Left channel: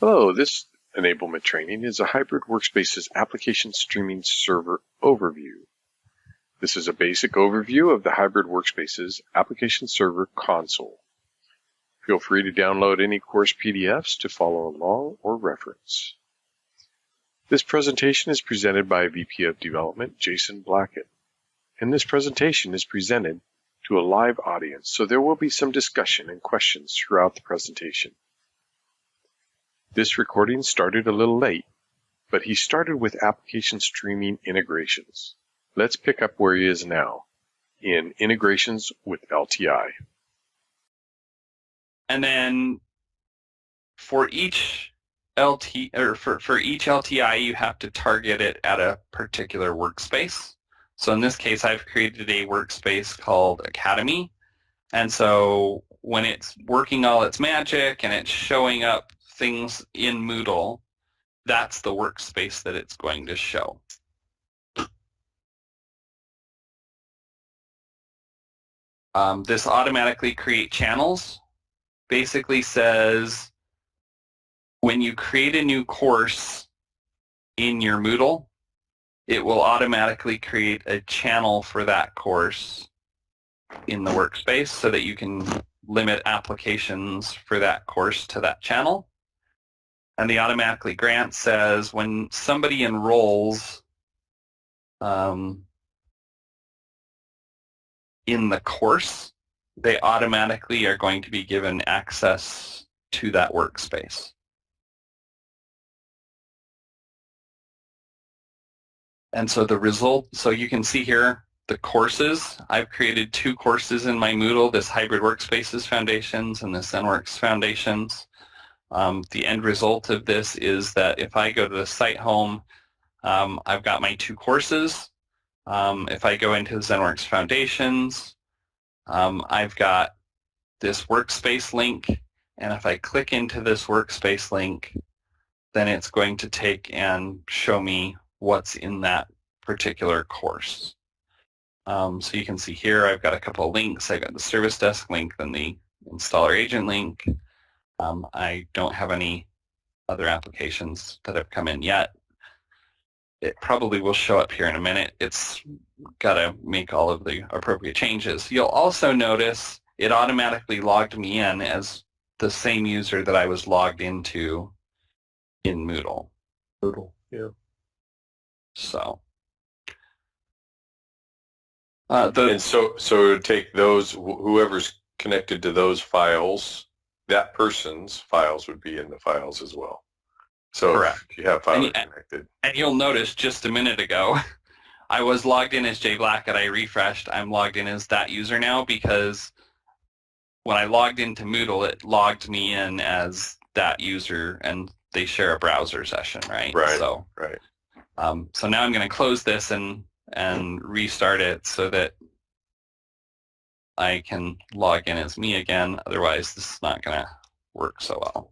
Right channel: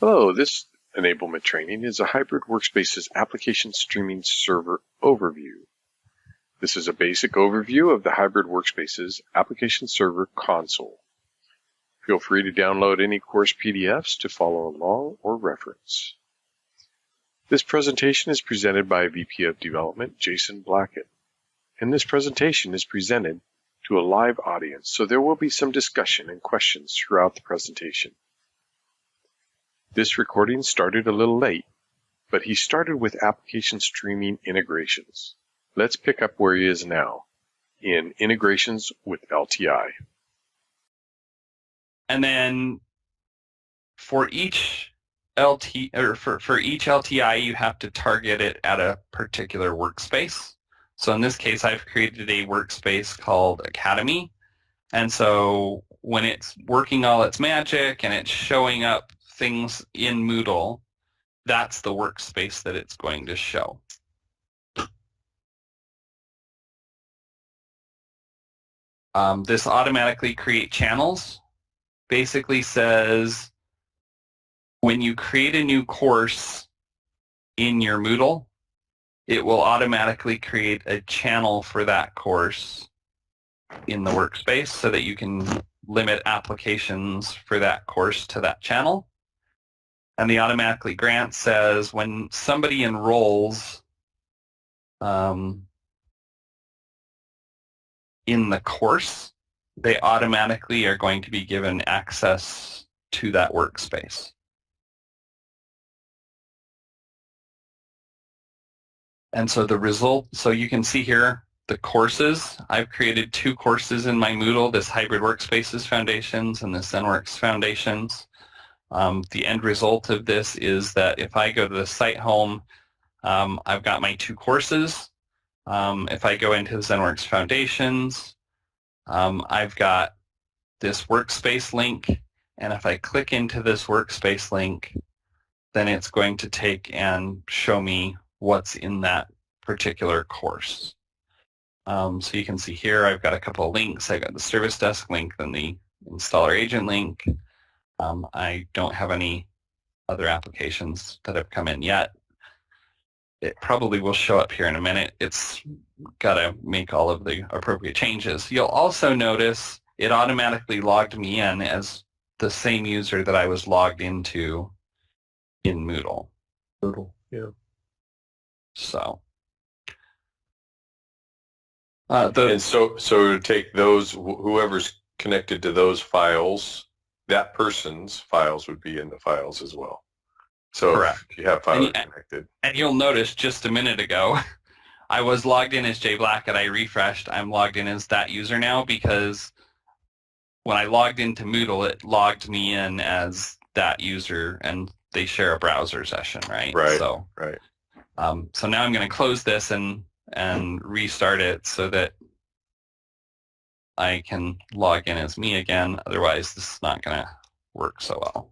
Hello, this enablement training is a hybrid Workspaces application streaming server overview. This is a basic overview of the hybrid Workspaces application server console. Feel free to download any course PDFs to follow along or reference. This presentation is presented by VP of Development Jason Blackett, and this presentation is presented to a live audience, so there will be some discussion and questions throughout the presentation. This recording started a little late, but he started with application streaming integrations. Let's pick up where he is now, in integrations with LTI. And then for each LTI, you have to target it at a particular workspace. So in this case, I've created a workspace called Academy. And so when it's working all its magic and it's showing up things in Moodle, that's the workspace that it's going to show. This automatically create channels basically says when you create a new course in your Moodle, it will automatically create a channel for that course in the workspace so that you can limit applications for that course to that channel. And the automatically grant says when somebody enrolls in the course, they automatically are going to be given access to that workspace. And so the result, so you can see here the courses. I've created 2 courses in my Moodle, this Hybrid Workspaces Foundations and this ZenWorks Foundations. The end result of this is that if I go to the site home, I've got my 2 courses. If I go into ZenWorks Foundations, I've got this workspace link, and if I click into this workspace link, then it's going to take and show me what's in that particular course. So you can see here I've got a couple of links. I've got the service desk link and the installer agent link. I don't have any other applications that have come in yet. It probably will show up here in a minute. It's got to make all of the appropriate changes. You'll also notice it automatically logged me in as the same user that I was logged into in Moodle. Yeah. So. And so to take those, whoever's connected to those files, that person's files would be in the files as well. So correct. If you have files connected. And you'll notice just a minute ago, I was logged in as Jay Blackett. I refreshed. I'm logged in as that user now because when I logged into Moodle, it logged me in as that user, and they share a browser session, right? Right. So, right. So now I'm going to close this and restart it so that I can log in as me again. Otherwise, this is not going to work so well.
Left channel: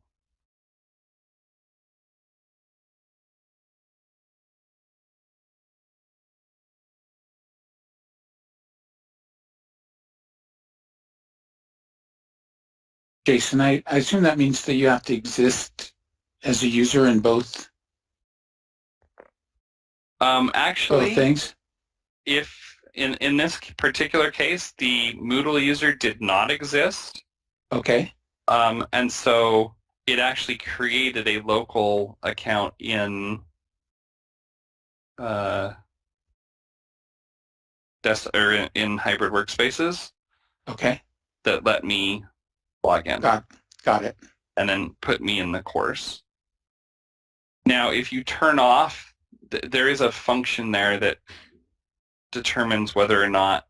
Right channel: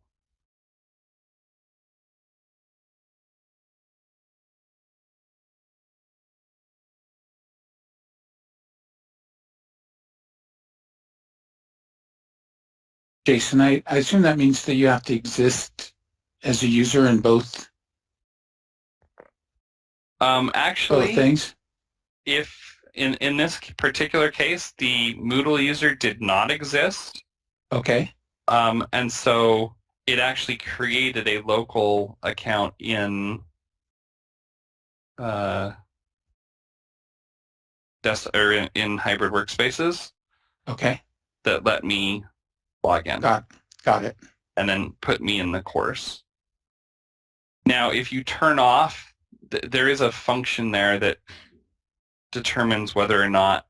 Jason, I assume that means that you have to exist as a user in both Actually, things? If in this particular case, the Moodle user did not exist. Okay. And so it actually created a local account in in Hybrid Workspaces. Okay. That let me log in. Got it. And then put me in the course. Now, if you turn off, there is a function there that determines whether or not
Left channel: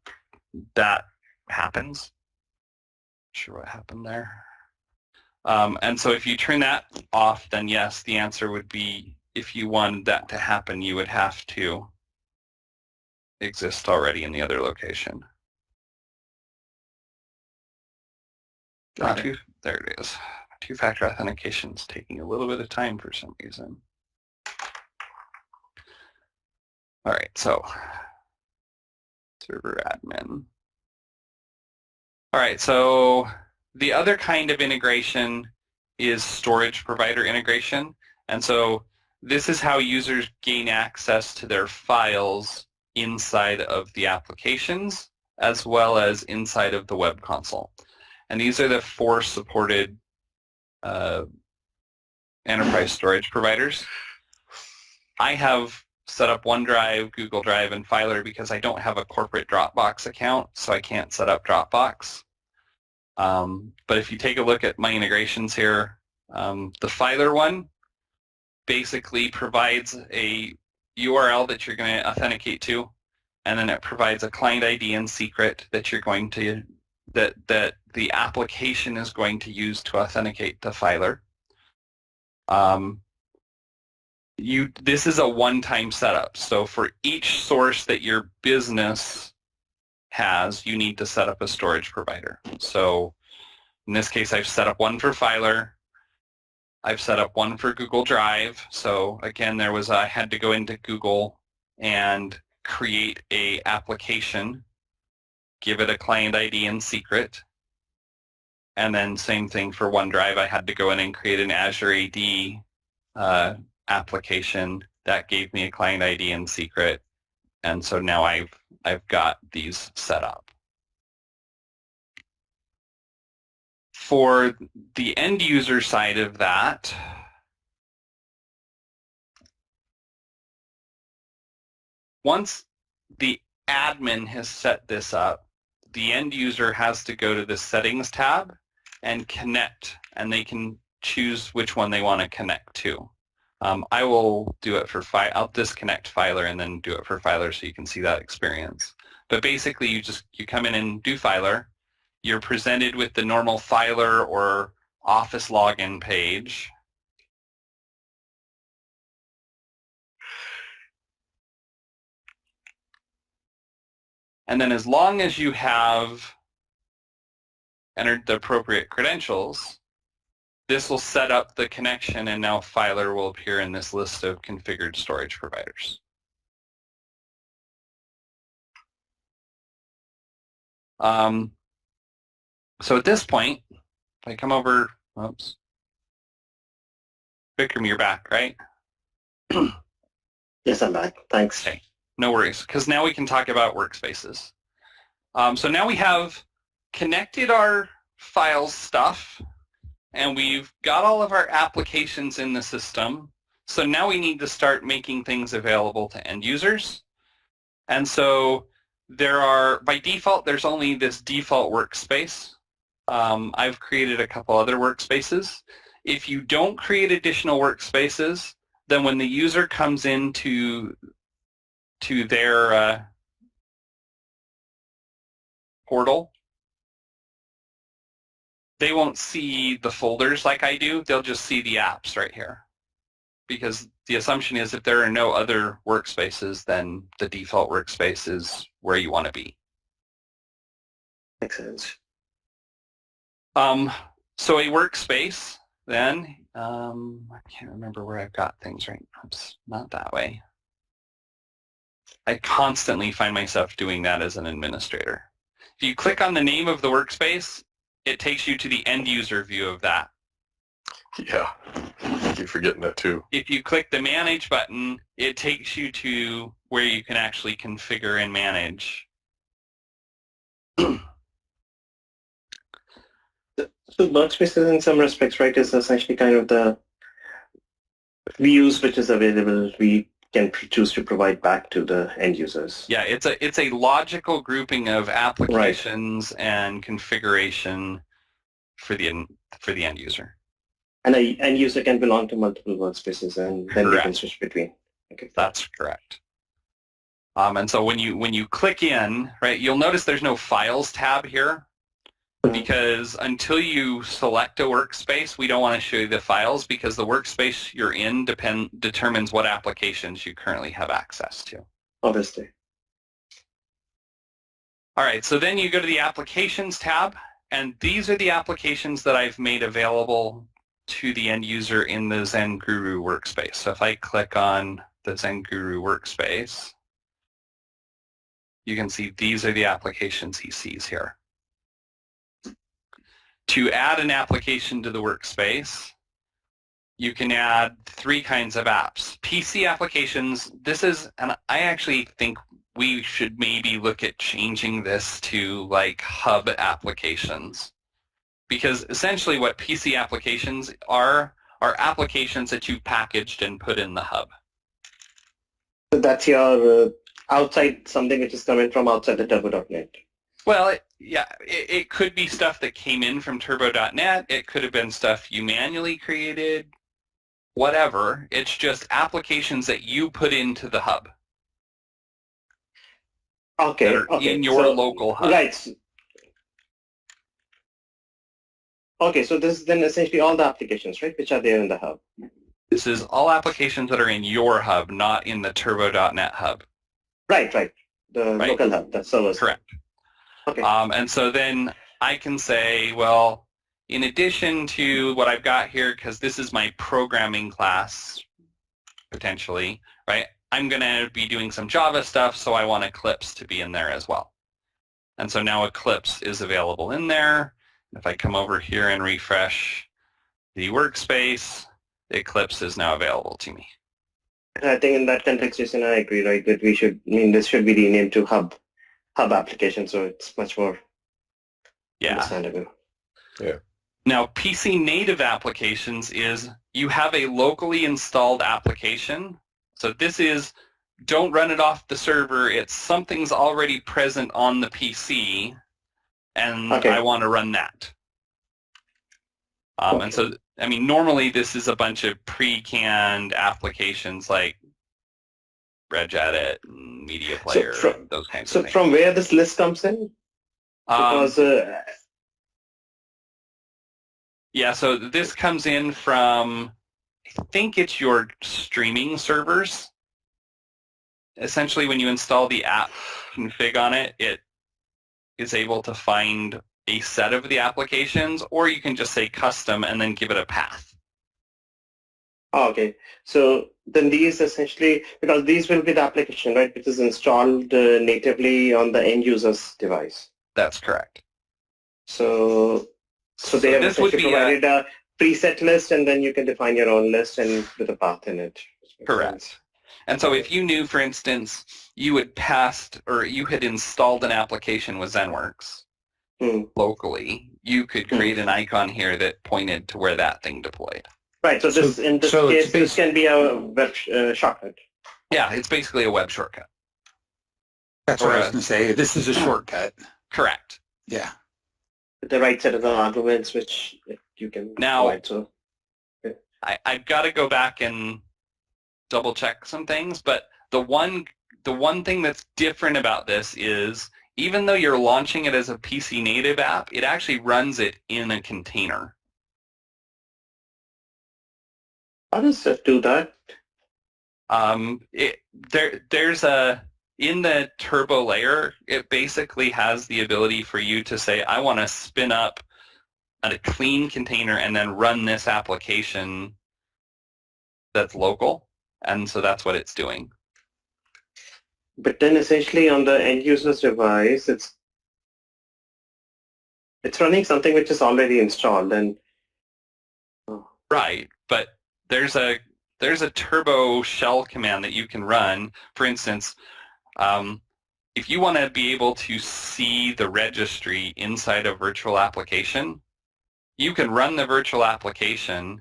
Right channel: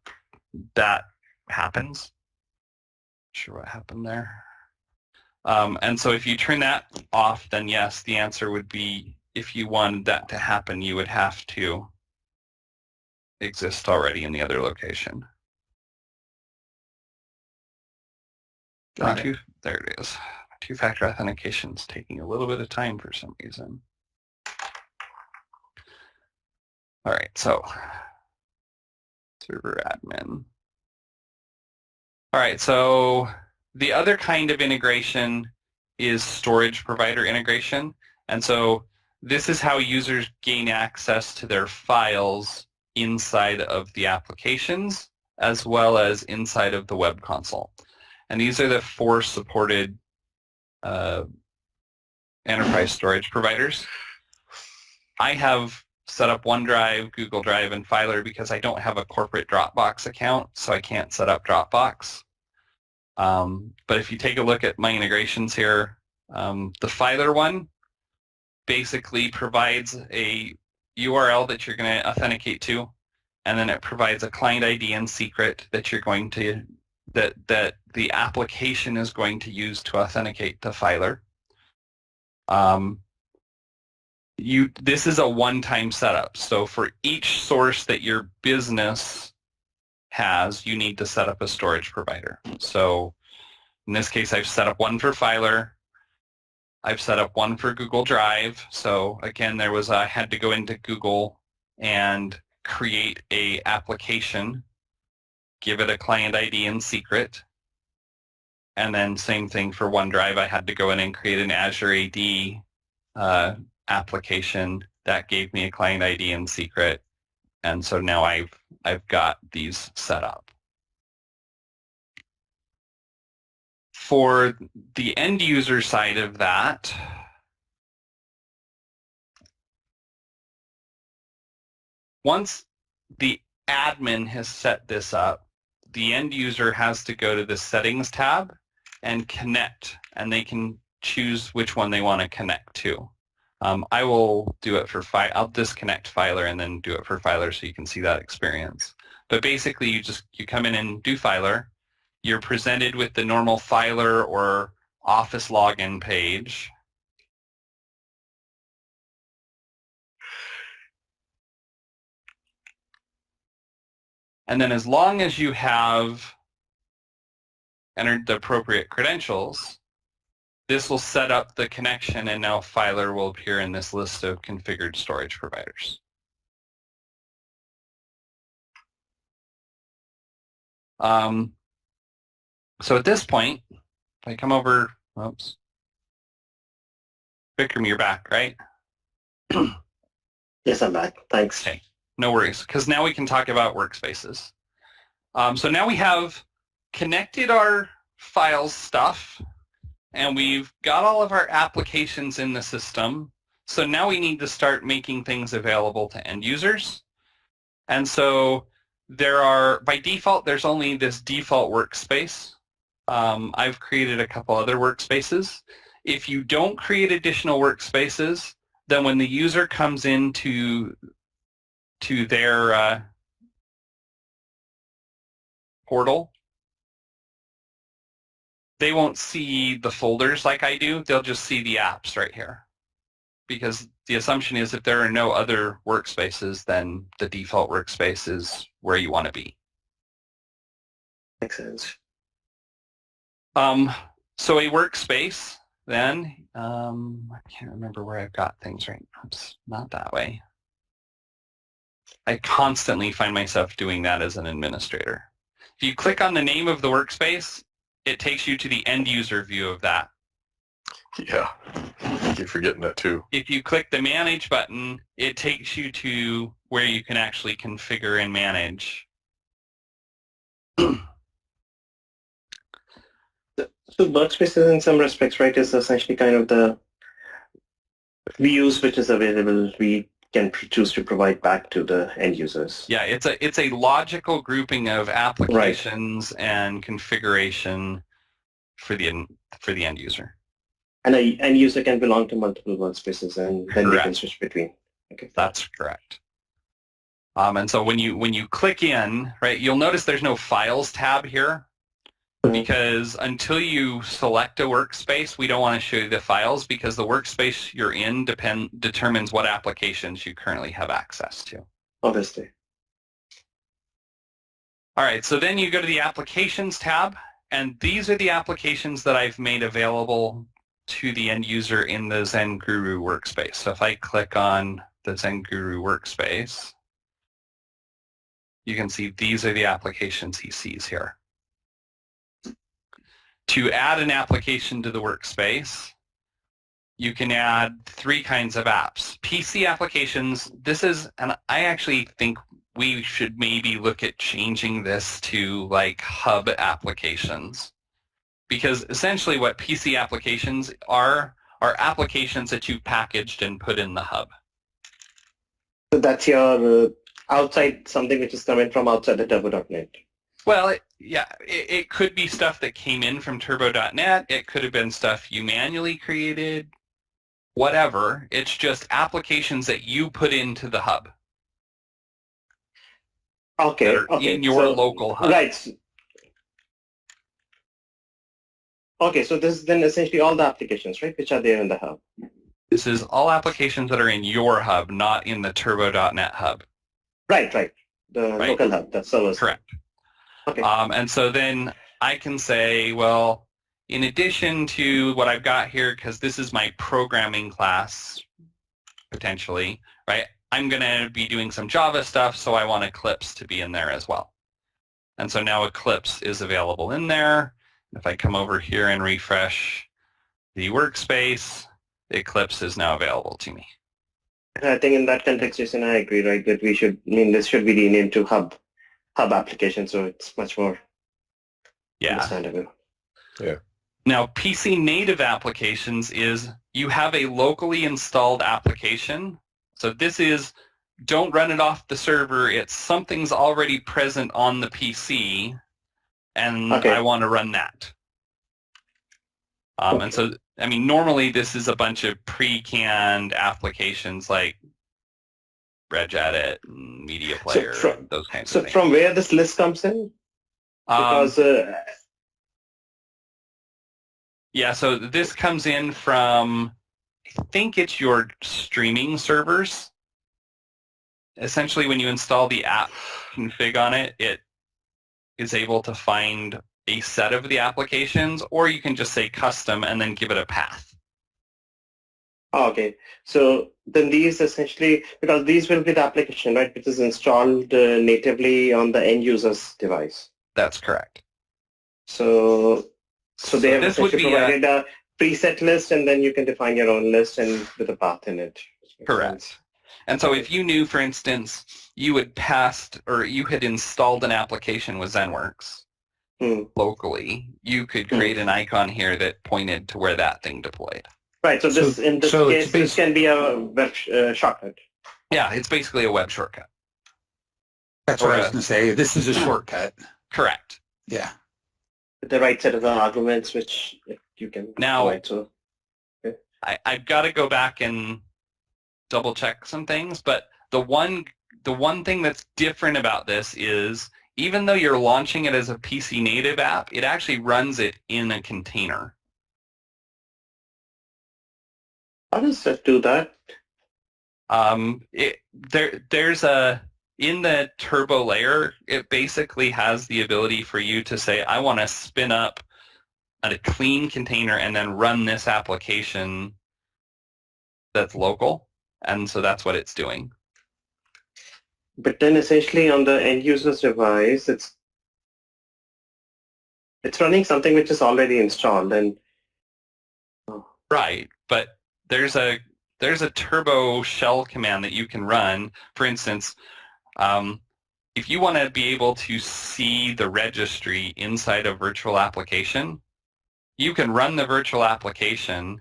that happens. Not sure what happened there. And so if you turn that off, then yes, the answer would be if you wanted that to happen, you would have to exist already in the other location. Got it. There it is. 2-factor authentication is taking a little bit of time for some reason. All right, so server admin. All right, so the other kind of integration is storage provider integration. And so this is how users gain access to their files inside of the applications as well as inside of the web console. And these are the 4 supported enterprise storage providers. I have set up OneDrive, Google Drive, and Filer because I don't have a corporate Dropbox account, so I can't set up Dropbox. But if you take a look at my integrations here, the Filer one basically provides a URL that you're going to authenticate to, and then it provides a client ID and secret that you're going to that the application is going to use to authenticate to Filer. This is a one-time setup. So for each source that your business has, you need to set up a storage provider. So in this case, I've set up one for Filer. I've set up one for Google Drive. So again, I had to go into Google and create a application, give it a client ID and secret. And then same thing for OneDrive. I had to go in and create an Azure AD application that gave me a client ID and secret. And so now I've got these set up. For the end user side of that, once the admin has set this up, the end user has to go to the settings tab and connect, and they can choose which one they want to connect to. I will do it for I'll disconnect Filer and then do it for Filer so you can see that experience. But basically you come in and do Filer. You're presented with the normal Filer or Office login page. And then as long as you have entered the appropriate credentials, this will set up the connection, and now Filer will appear in this list of configured storage providers. So at this point, if I come over, oops, Vikram, you're back, right? Yes, I'm back. Thanks. Okay, no worries, because now we can talk about Workspaces. So now we have connected our files stuff, and we've got all of our applications in the system. So now we need to start making things available to end users. And so by default, there's only this default workspace. I've created a couple other workspaces. If you don't create additional workspaces, then when the user comes into their portal, they won't see the folders like I do. They'll just see the apps right here. Because the assumption is if there are no other workspaces, then the default workspace is where you want to be. Makes sense. So a workspace, then, I can't remember where I've got things right now. It's not that way. I constantly find myself doing that as an administrator. If you click on the name of the workspace, it takes you to the end user view of that. Yeah, I keep forgetting that too. If you click the manage button, it takes you to where you can actually configure and manage. So Workspaces in some respects, right, is essentially kind of the views which is available we can choose to provide back to the end users. Yeah, it's a logical grouping of applications and configuration for the end user. And an end user can belong to multiple workspaces, and then Correct. they can switch between. Okay. That's correct. And so when you click in, right, you'll notice there's no Files tab here. Because until you select a workspace, we don't want to show you the files because the workspace you're in determines what applications you currently have access to. Obviously. All right, so then you go to the Applications tab, and these are the applications that I've made available to the end user in the Zen Guru workspace. So if I click on the Zen Guru workspace, you can see these are the applications he sees here. To add an application to the workspace, you can add 3 kinds of apps. PC applications, this is, and I actually think we should maybe look at changing this to like hub applications. Because essentially what PC applications are applications that you've packaged and put in the hub. So that's your outside, something which is coming from outside the turbo.net. Well, it could be stuff that came in from turbo.net. It could have been stuff you manually created, whatever. It's just applications that you put into the hub. Okay, That are okay. in your local hub. Right. Okay, so this is then essentially all the applications, right, which are there in the hub. This is all applications that are in your hub, not in the turbo.net hub. Right. The Right. local hub, the servers. Correct. Okay. And so then I can say, well, in addition to what I've got here, because this is my programming class, potentially, right, I'm going to be doing some Java stuff, so I want Eclipse to be in there as well. And so now Eclipse is available in there. If I come over here and refresh the workspace, Eclipse is now available to me. I think in that context, Jason, I agree, right, that this should be renamed to hub application, so it's much more understandable. Yeah. Now, PC native applications is you have a locally installed application. So this is, don't run it off the server. It's something's already present on the PC, and I want to run that. And so, I mean, normally this is a bunch of pre-canned applications like regedit, and media player, those kinds of things. So from where this list comes in? Because yeah, so this comes in from, I think it's your streaming servers. Essentially, when you install the app config on it, it is able to find a set of the applications, or you can just say custom and then give it a path. Okay, so then these essentially, because these will be the application, right, which is installed natively on the end user's device. That's correct. So they have essentially provided a preset list, and then you can define your own list and with a path in it. Correct. And so if you knew, for instance, you had passed or you had installed an application with ZenWorks locally, you could create an icon here that pointed to where that thing deployed. Right. So this, in this case, this can be a web shortcut. Yeah, it's basically a web shortcut. That's what I was going to say. This is a shortcut. Correct. Yeah. With the right set of arguments, which you can provide. So I've got to go back and double check some things, but the one thing that's different about this is even though you're launching it as a PC native app, it actually runs it in a container. How does it do that? There's in the turbo layer, it basically has the ability for you to say, I want to spin up a clean container and then run this application that's local. And so that's what it's doing. But then essentially on the end user's device, it's running something which is already installed. And right, but there's a turbo shell command that you can run. For instance, if you want to be able to see the registry inside a virtual application, you can run the virtual application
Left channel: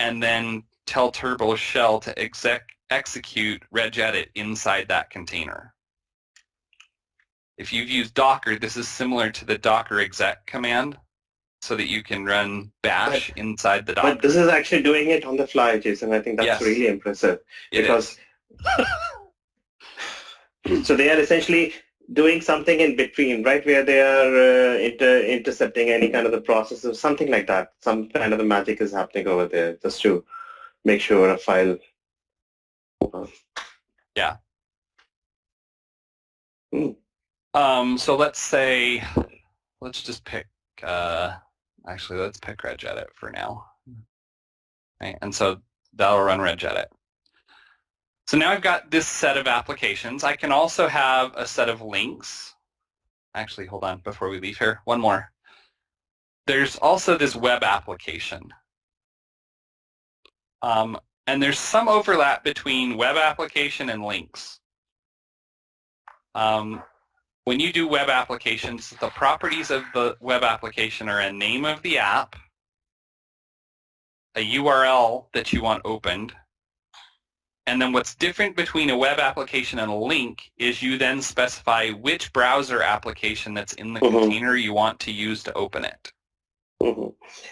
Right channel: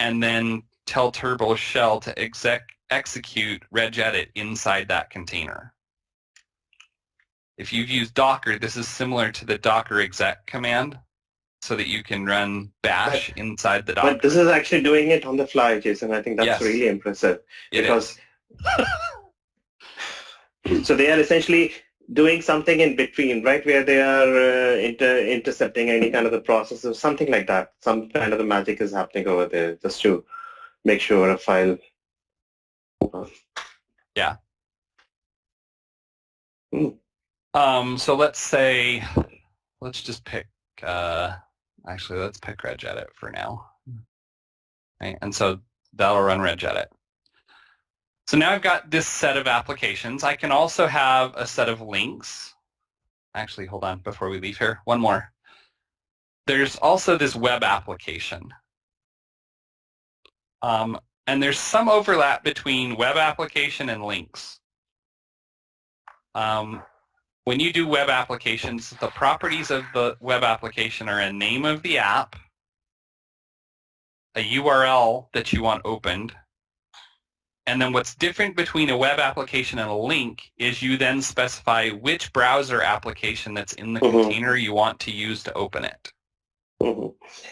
and then tell Turbo Shell to execute regedit inside that container. If you've used Docker, this is similar to the docker exec command so that you can run bash inside the Docker. But this is actually doing it on the fly, Jason. I think that's really impressive. Because so they are essentially doing something in between, right, where they are intercepting any kind of the process or something like that. Some kind of the magic is happening over there just to make sure a file. Yeah. So let's say, let's just pick, actually let's pick regedit for now. Right? And so that'll run regedit. So now I've got this set of applications. I can also have a set of links. Actually, hold on before we leave here. One more. There's also this web application. And there's some overlap between web application and links. When you do web applications, the properties of the web application are a name of the app, a URL that you want opened, and then what's different between a web application and a link is you then specify which browser application that's in the container you want to use to open it.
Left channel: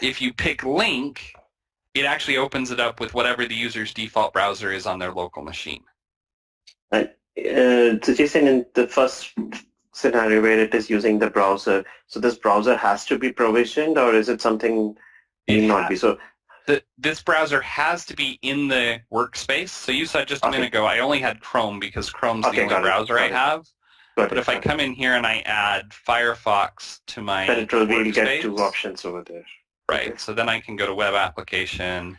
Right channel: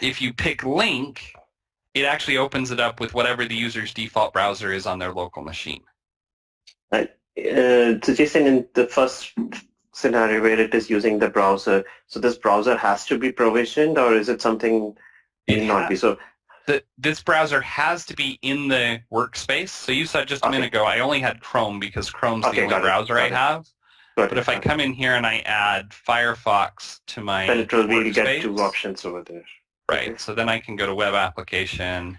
If you pick link, it actually opens it up with whatever the user's default browser is on their local machine. So Jason, in the first scenario where it is using the browser, so this browser has to be provisioned, or is it something it need not be? So this browser has to be in the workspace. So you said just a minute ago, I only had Chrome because Chrome's the only browser I have. But if I come in here and I add Firefox to my then it will really workspace, get two options over there. Right. So then I can go to web application.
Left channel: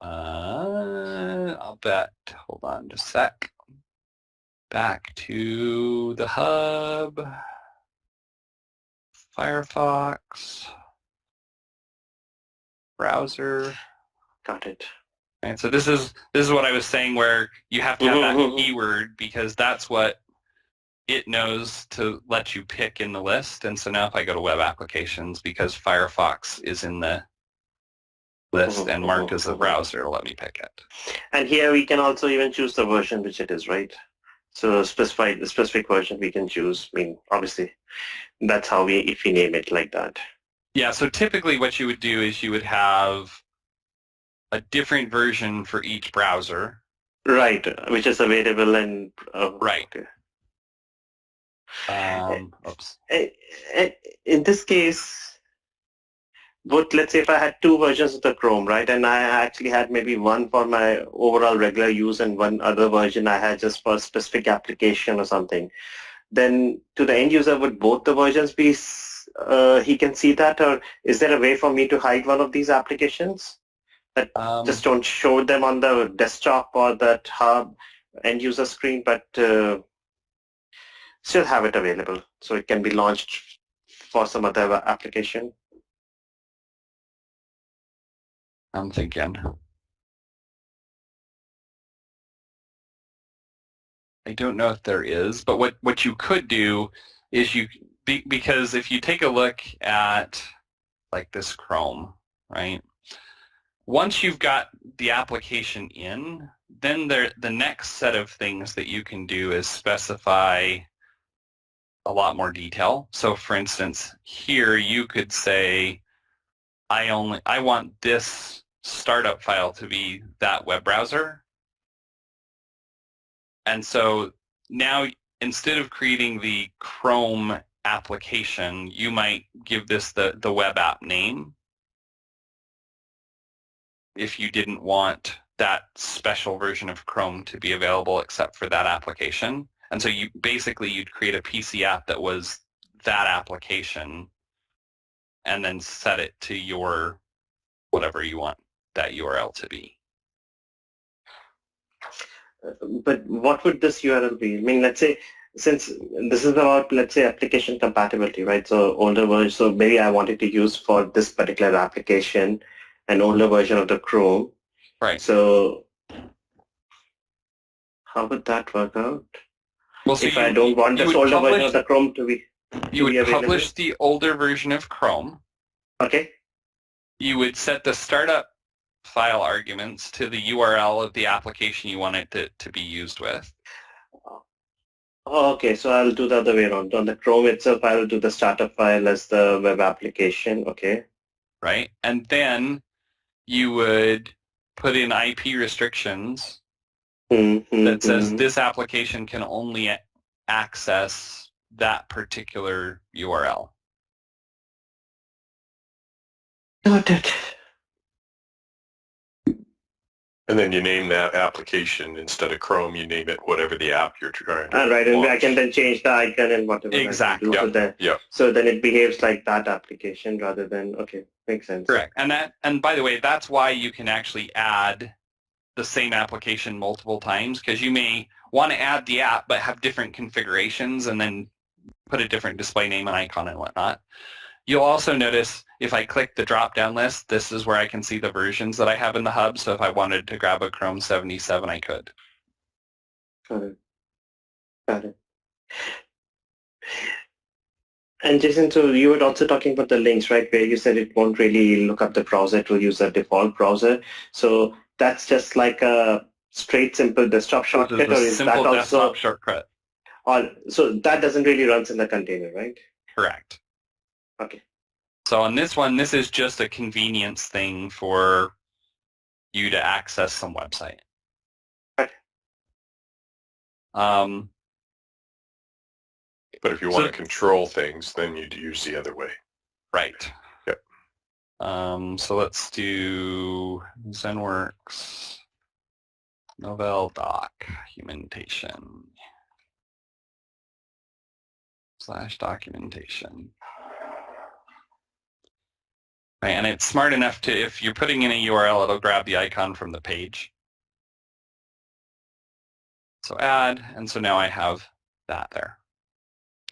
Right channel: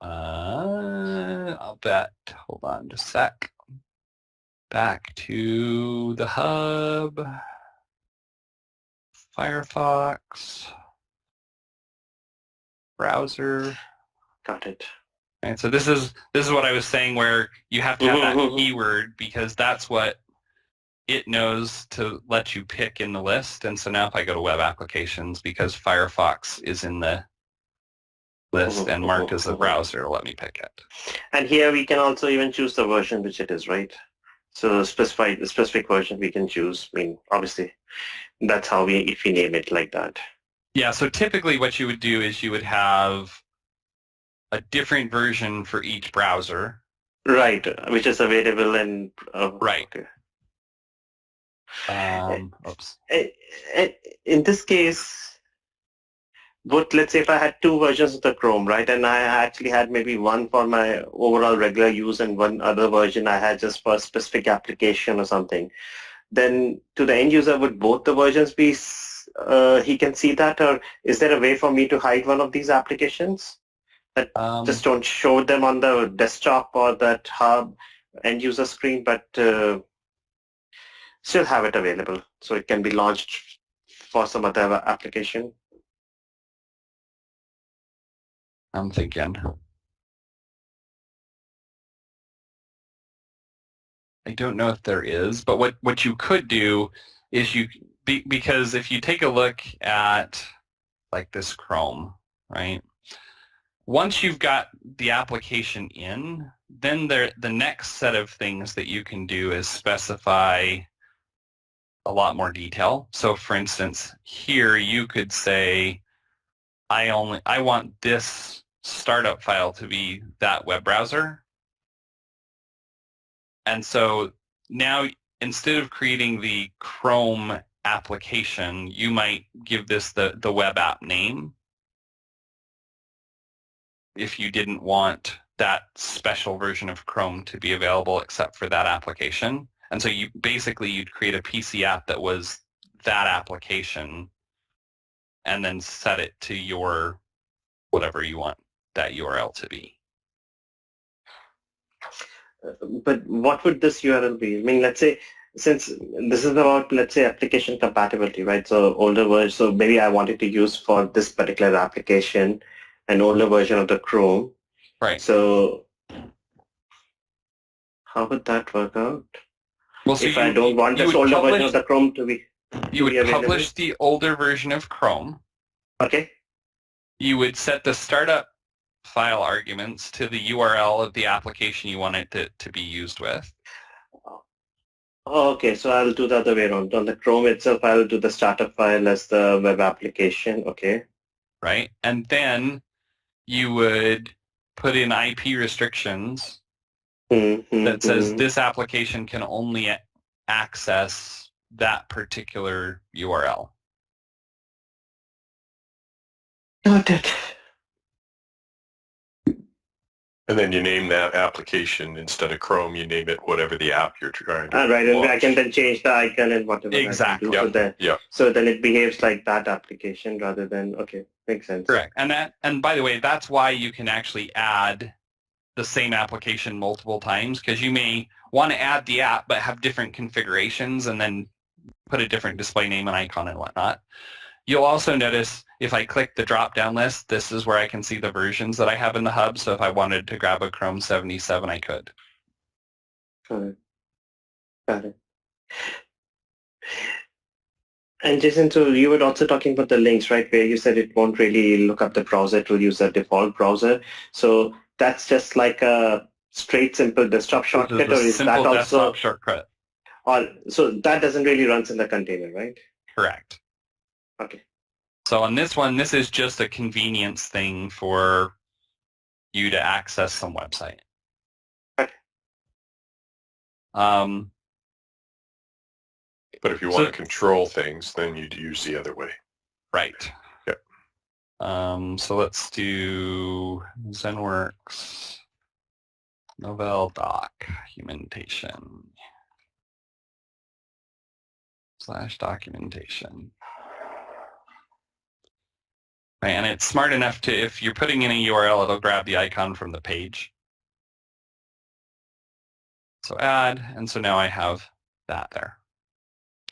I'll bet. Hold on just a sec. Back to the hub. Firefox. Browser. Got it. And so this is what I was saying, where you have to have that keyword because that's what it knows to let you pick in the list. And so now if I go to web applications, because Firefox is in the list and marked as a browser, it'll let me pick it. And here we can also even choose the version which it is, right? So specify the specific version we can choose. I mean, obviously, that's how if we name it like that. Yeah, so typically what you would do is you would have a different version for each browser. Right, which is available in... right. Okay. Oops. In this case, let's say if I had two versions of the Chrome, right, and I actually had maybe one for my overall regular use and one other version I had just for a specific application or something, then to the end user, would both the versions be, he can see that, or is there a way for me to hide one of these applications that just don't show them on the desktop or that hub end user screen, but still have it available so it can be launched for some other application? I'm thinking. I don't know if there is, but what you could do is because if you take a look at like this Chrome, right? Once you've got the application in, then the next set of things that you can do is specify a lot more detail. So for instance, here you could say, I want this startup file to be that web browser. And so now instead of creating the Chrome application, you might give this the web app name if you didn't want that special version of Chrome to be available except for that application. And so you'd create a PC app that was that application and then set it to your whatever you want that URL to be. But what would this URL be? I mean, let's say, since this is about, let's say, application compatibility, right? So older version, so maybe I wanted to use for this particular application an older version of the Chrome. Right. So how would that work out? Well, so if I don't want this older version of the Chrome to be You would publish the older version of Chrome. Okay. You would set the startup file arguments to the URL of the application you want it to be used with. Oh, okay, so I'll do the other way around. On the Chrome itself, I'll do the startup file as the web application. Okay. Right. And then you would put in IP restrictions that says this application can only access that particular URL. Got it. And then you name that application instead of Chrome, you name it whatever the app you're trying to Right, and launch. I can then change the icon and whatever. Exactly. So then it behaves like that application rather than, okay, makes sense. Correct. And by the way, that's why you can actually add the same application multiple times, because you may want to add the app but have different configurations and then put a different display name and icon and whatnot. You'll also notice if I click the drop-down list, this is where I can see the versions that I have in the hub. So if I wanted to grab a Chrome 77, I could. Got it. Got it. And Jason, so you were also talking about the links, right? Where you said it won't really look up the browser, it will use the default browser. So that's just like a straight, simple desktop shortcut, or is that simple also? desktop shortcut. So that doesn't really run in the container, right? Correct. Okay. So on this one, this is just a convenience thing for you to access some website. Okay. But if you want to control things, then you'd use the other way. Right. Yep. So let's do ZenWorks Novell documentation / documentation. Right, and it's smart enough to, if you're putting in a URL, it'll grab the icon from the page. So add, and so now I have that there.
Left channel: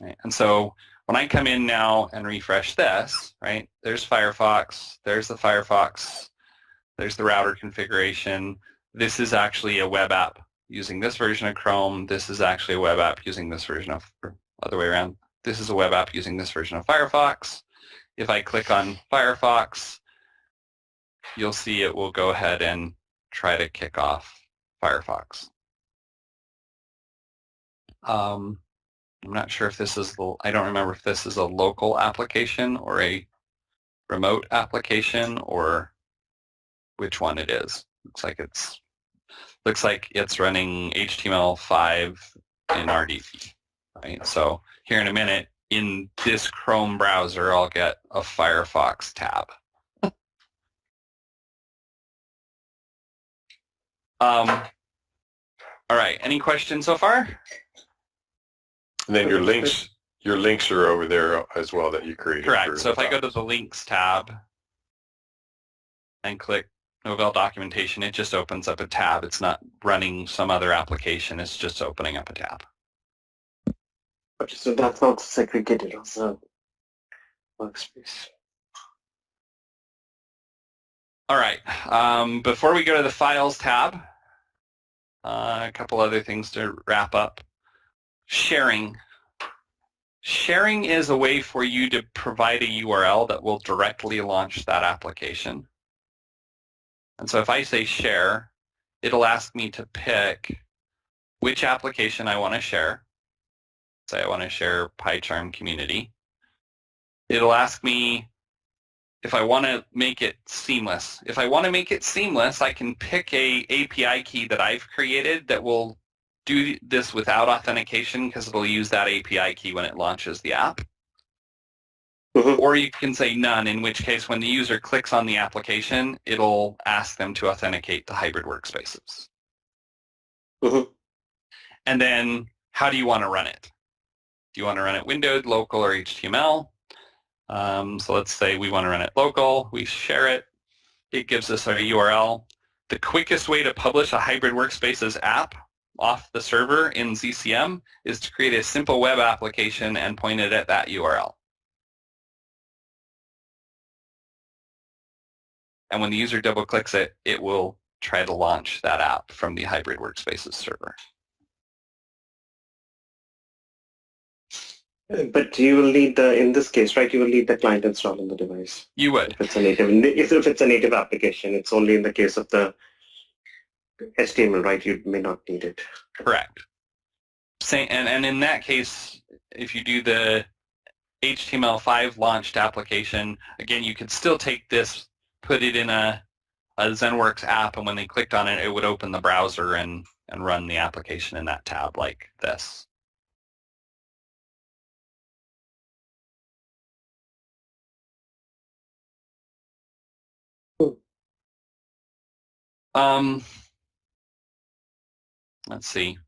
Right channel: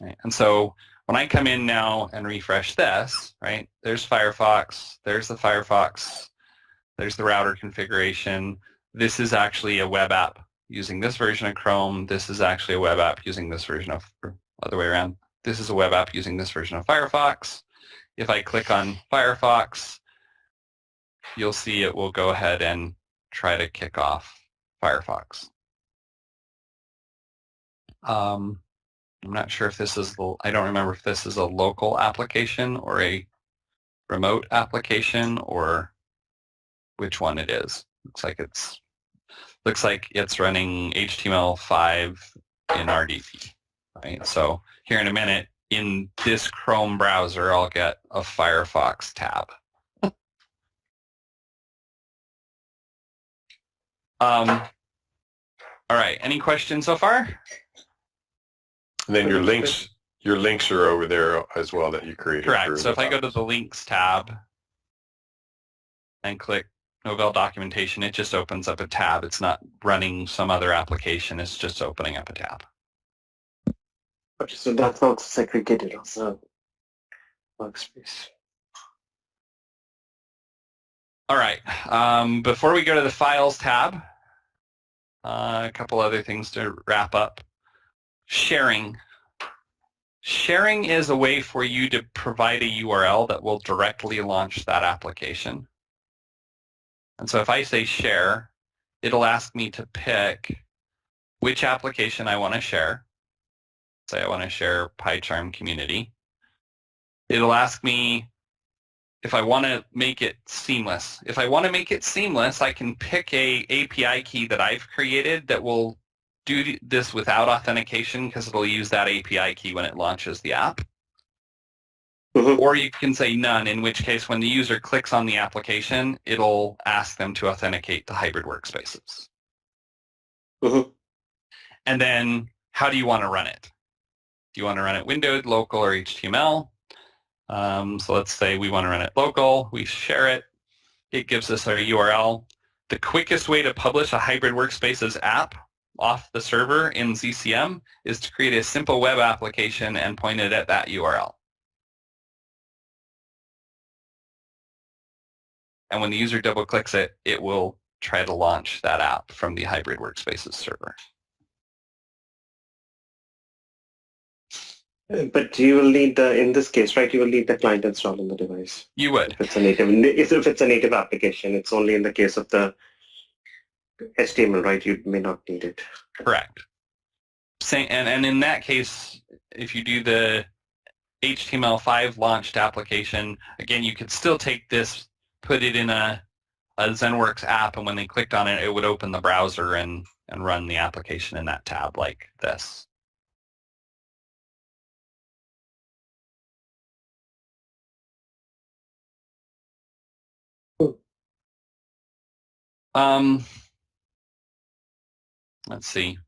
Right, and so when I come in now and refresh this, right, there's Firefox, there's the Firefox, there's the router configuration. This is actually a web app using this version of Chrome. This is actually a web app using this version of, or other way around. This is a web app using this version of Firefox. If I click on Firefox, you'll see it will go ahead and try to kick off Firefox. I'm not sure if this is, I don't remember if this is a local application or a remote application or which one it is. Looks like it's running HTML5 in RDP, right? So here in a minute, in this Chrome browser, I'll get a Firefox tab. All right, any questions so far? And then your links are over there as well that you created. Correct. So if I go to the links tab and click Novell documentation, it just opens up a tab. It's not running some other application. It's just opening up a tab. Okay, so that's not segregated as a workspace. All right. Before we go to the Files tab, a couple other things to wrap up. Sharing. Sharing is a way for you to provide a URL that will directly launch that application. And so if I say share, it'll ask me to pick which application I want to share. Say I want to share PyCharm community. It'll ask me if I want to make it seamless. If I want to make it seamless, I can pick a API key that I've created that will do this without authentication because it'll use that API key when it launches the app. Mm-hmm. Or you can say none, in which case when the user clicks on the application, it'll ask them to authenticate to hybrid workspaces. Mm-hmm. And then how do you want to run it? Do you want to run it windowed, local, or HTML? So let's say we want to run it local. We share it. It gives us our URL. The quickest way to publish a hybrid workspaces app off the server in ZCM is to create a simple web application and point it at that URL. And when the user double clicks it, it will try to launch that app from the hybrid workspaces server. But you will need in this case, right, you will need the client installed on the device. You would. If it's a native application, it's only in the case of the HTML, right? You may not need it. Correct. And in that case, if you do the HTML5 launched application, again, you could still take this, put it in a ZenWorks app, and when they clicked on it, it would open the browser and run the application in that tab like this. Let's see.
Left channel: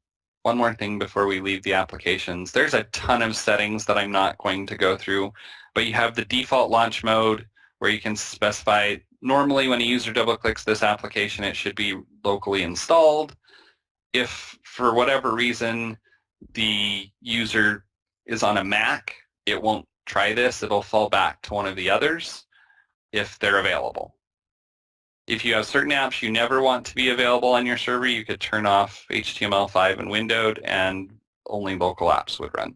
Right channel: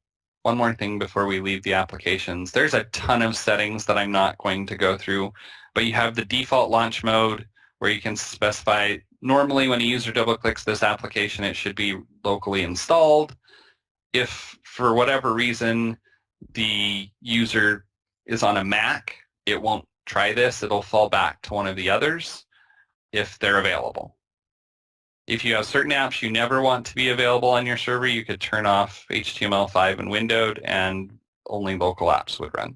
One more thing before we leave the applications. There's a ton of settings that I'm not going to go through, but you have the default launch mode where you can specify, normally when a user double clicks this application, it should be locally installed. If for whatever reason the user is on a Mac, it won't try this, it'll fall back to one of the others if they're available. If you have certain apps you never want to be available on your server, you could turn off HTML5 and windowed and only local apps would run.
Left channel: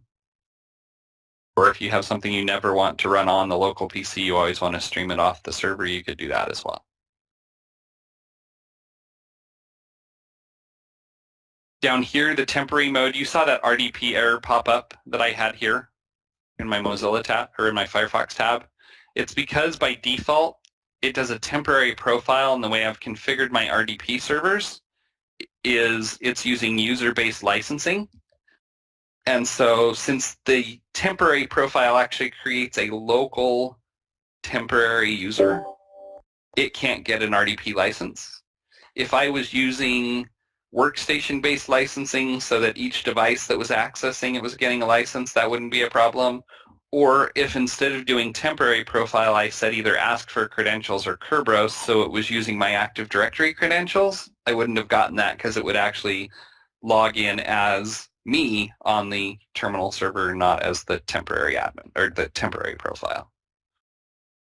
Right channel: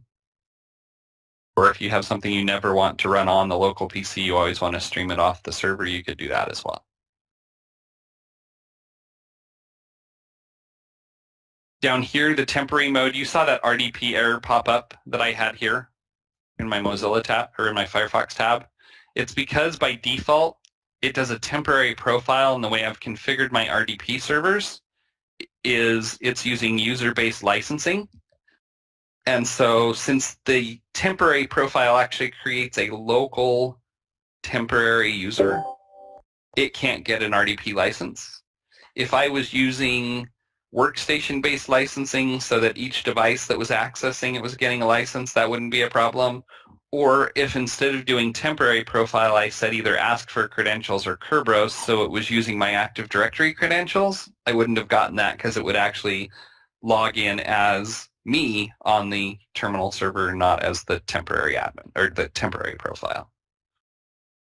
Or if you have something you never want to run on the local PC, you always want to stream it off the server, you could do that as well. Down here, the temporary mode, you saw that RDP error pop up that I had here in my Mozilla tab or in my Firefox tab. It's because by default, it does a temporary profile, and the way I've configured my RDP servers is it's using user-based licensing. And so since the temporary profile actually creates a local temporary user, it can't get an RDP license. If I was using workstation-based licensing so that each device that was accessing it was getting a license, that wouldn't be a problem. Or if instead of doing temporary profile, I said either ask for credentials or Kerberos, so it was using my Active Directory credentials, I wouldn't have gotten that because it would actually log in as me on the terminal server, not as the temporary admin or the temporary profile.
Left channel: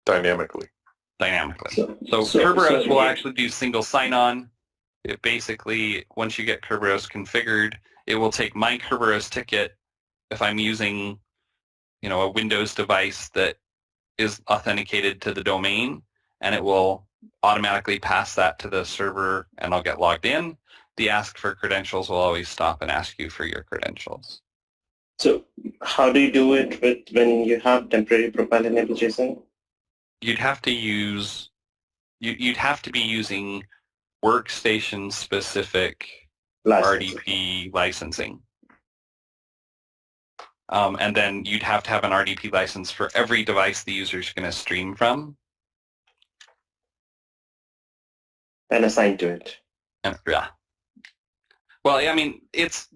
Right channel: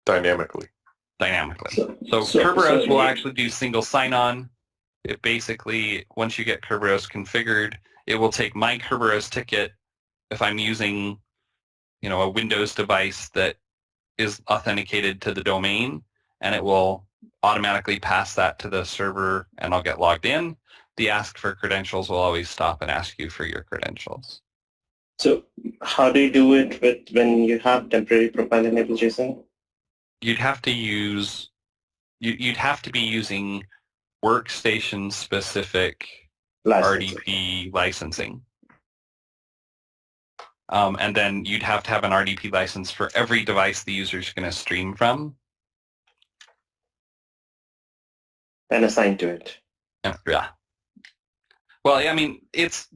Dynamically. So Kerberos will actually do single sign-on. It basically, once you get Kerberos configured, it will take my Kerberos ticket if I'm using, a Windows device that is authenticated to the domain, and it will automatically pass that to the server, and I'll get logged in. The ask for credentials will always stop and ask you for your credentials. So how do you do it when you have temporary profile enabled, Jason? You'd have to be using workstation-specific RDP licensing. And then you'd have to have an RDP license for every device the user's going to stream from. And assign to it. Yeah. Well, I mean,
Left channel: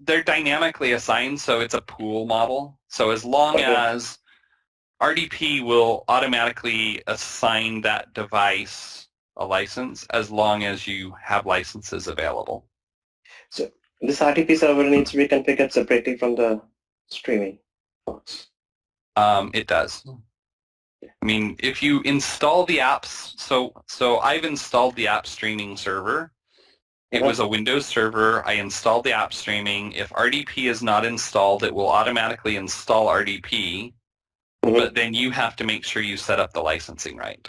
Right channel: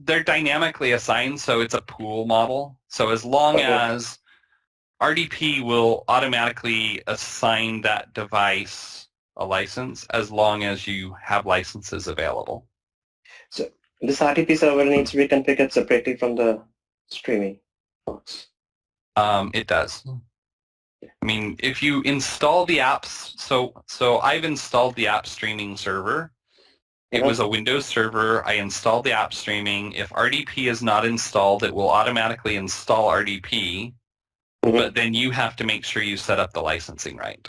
they're dynamically assigned, so it's a pool model. So as long as RDP will automatically assign that device a license, as long as you have licenses available. So this RDP server needs to be configured separately from the streaming box. It does. I mean, if you install the apps, so I've installed the app streaming server. It was a Windows server. I installed the app streaming. If RDP is not installed, it will automatically install RDP, but then you have to make sure you set up the licensing right.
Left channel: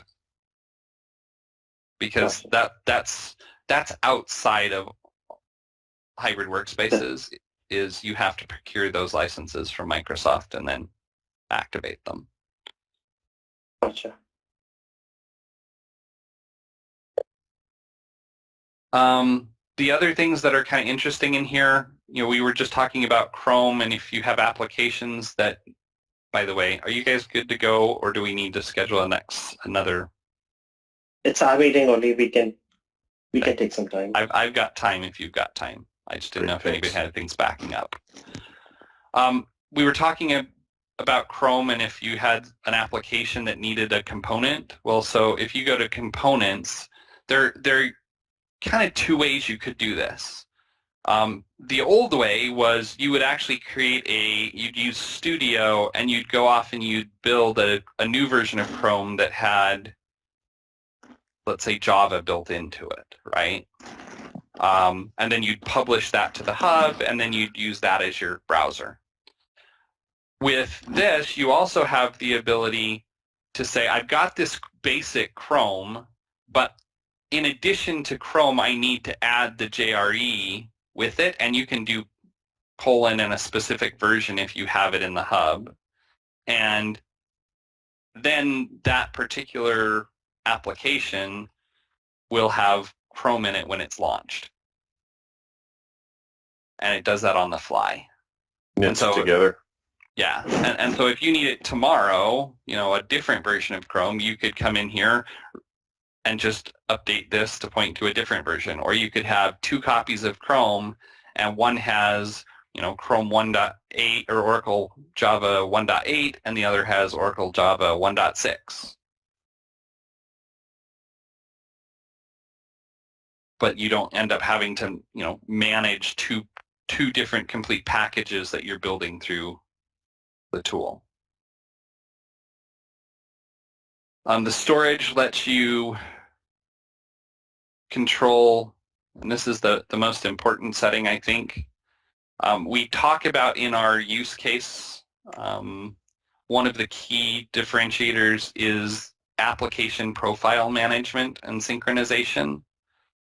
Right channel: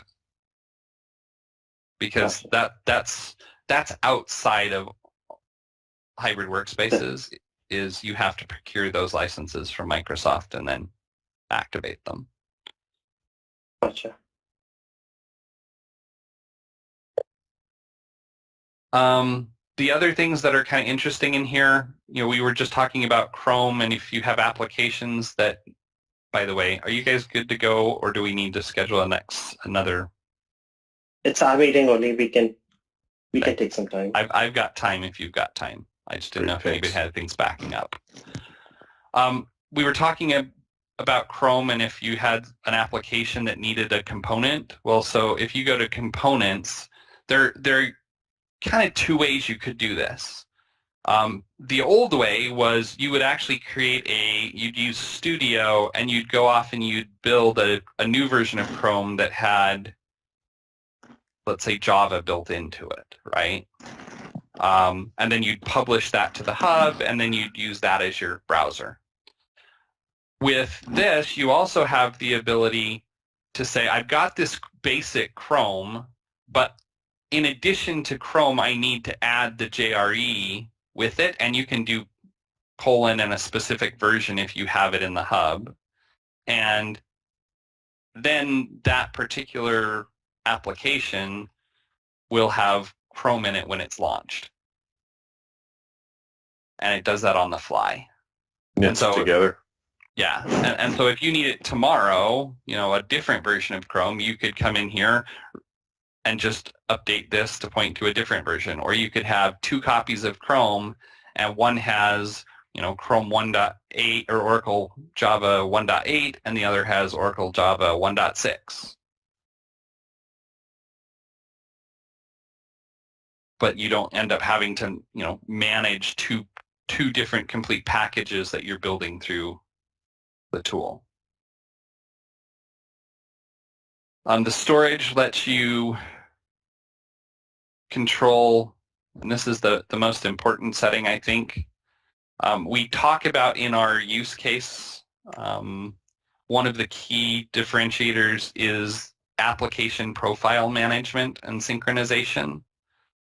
Because that's outside of hybrid workspaces, is you have to procure those licenses from Microsoft and then activate them. Gotcha. The other things that are kind of interesting in here, we were just talking about Chrome, and if you have applications that, by the way, are you guys good to go, or do we need to schedule another? It's our meeting only. We can take some time. I've got time if you've got time. I just didn't know if anybody had things backing up. We were talking about Chrome, and if you had an application that needed a component. Well, so if you go to components, there are kind of two ways you could do this. The old way was you would actually you'd use Studio, and you'd go off and you'd build a new version of Chrome that had, let's say, Java built into it, right? And then you'd publish that to the hub, and then you'd use that as your browser. With this, you also have the ability to say, I've got this basic Chrome, but in addition to Chrome, I need to add the JRE with it, and you can do : and a specific version if you have it in the hub. And then that particular application will have Chrome in it when it's launched. And it does that on the fly. Knits together. Yeah, and so if you need it tomorrow, a different version of Chrome, you could come in here and just update this to point to a different version. Or you could have two copies of Chrome, and one has, Chrome 1.8 or Oracle Java 1.8, and the other has Oracle Java 1.6. But you don't end up having to, manage two different complete packages that you're building through the tool. The storage lets you control, and this is the most important setting, I think. We talk about in our use case, one of the key differentiators is application profile management and synchronization.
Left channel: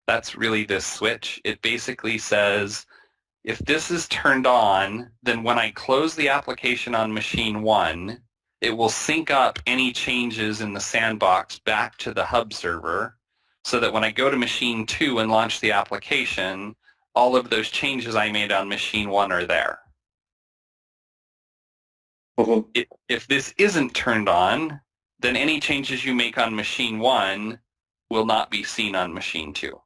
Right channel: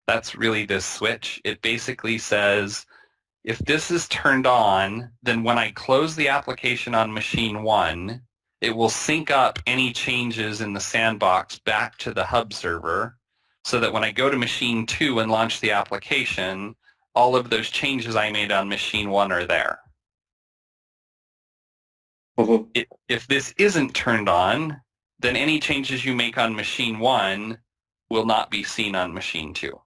That's really this switch. It basically says, if this is turned on, then when I close the application on machine 1, it will sync up any changes in the sandbox back to the hub server so that when I go to machine 2 and launch the application, all of those changes I made on machine 1 are there. Mm-hmm. If this isn't turned on, then any changes you make on machine 1 will not be seen on machine 2.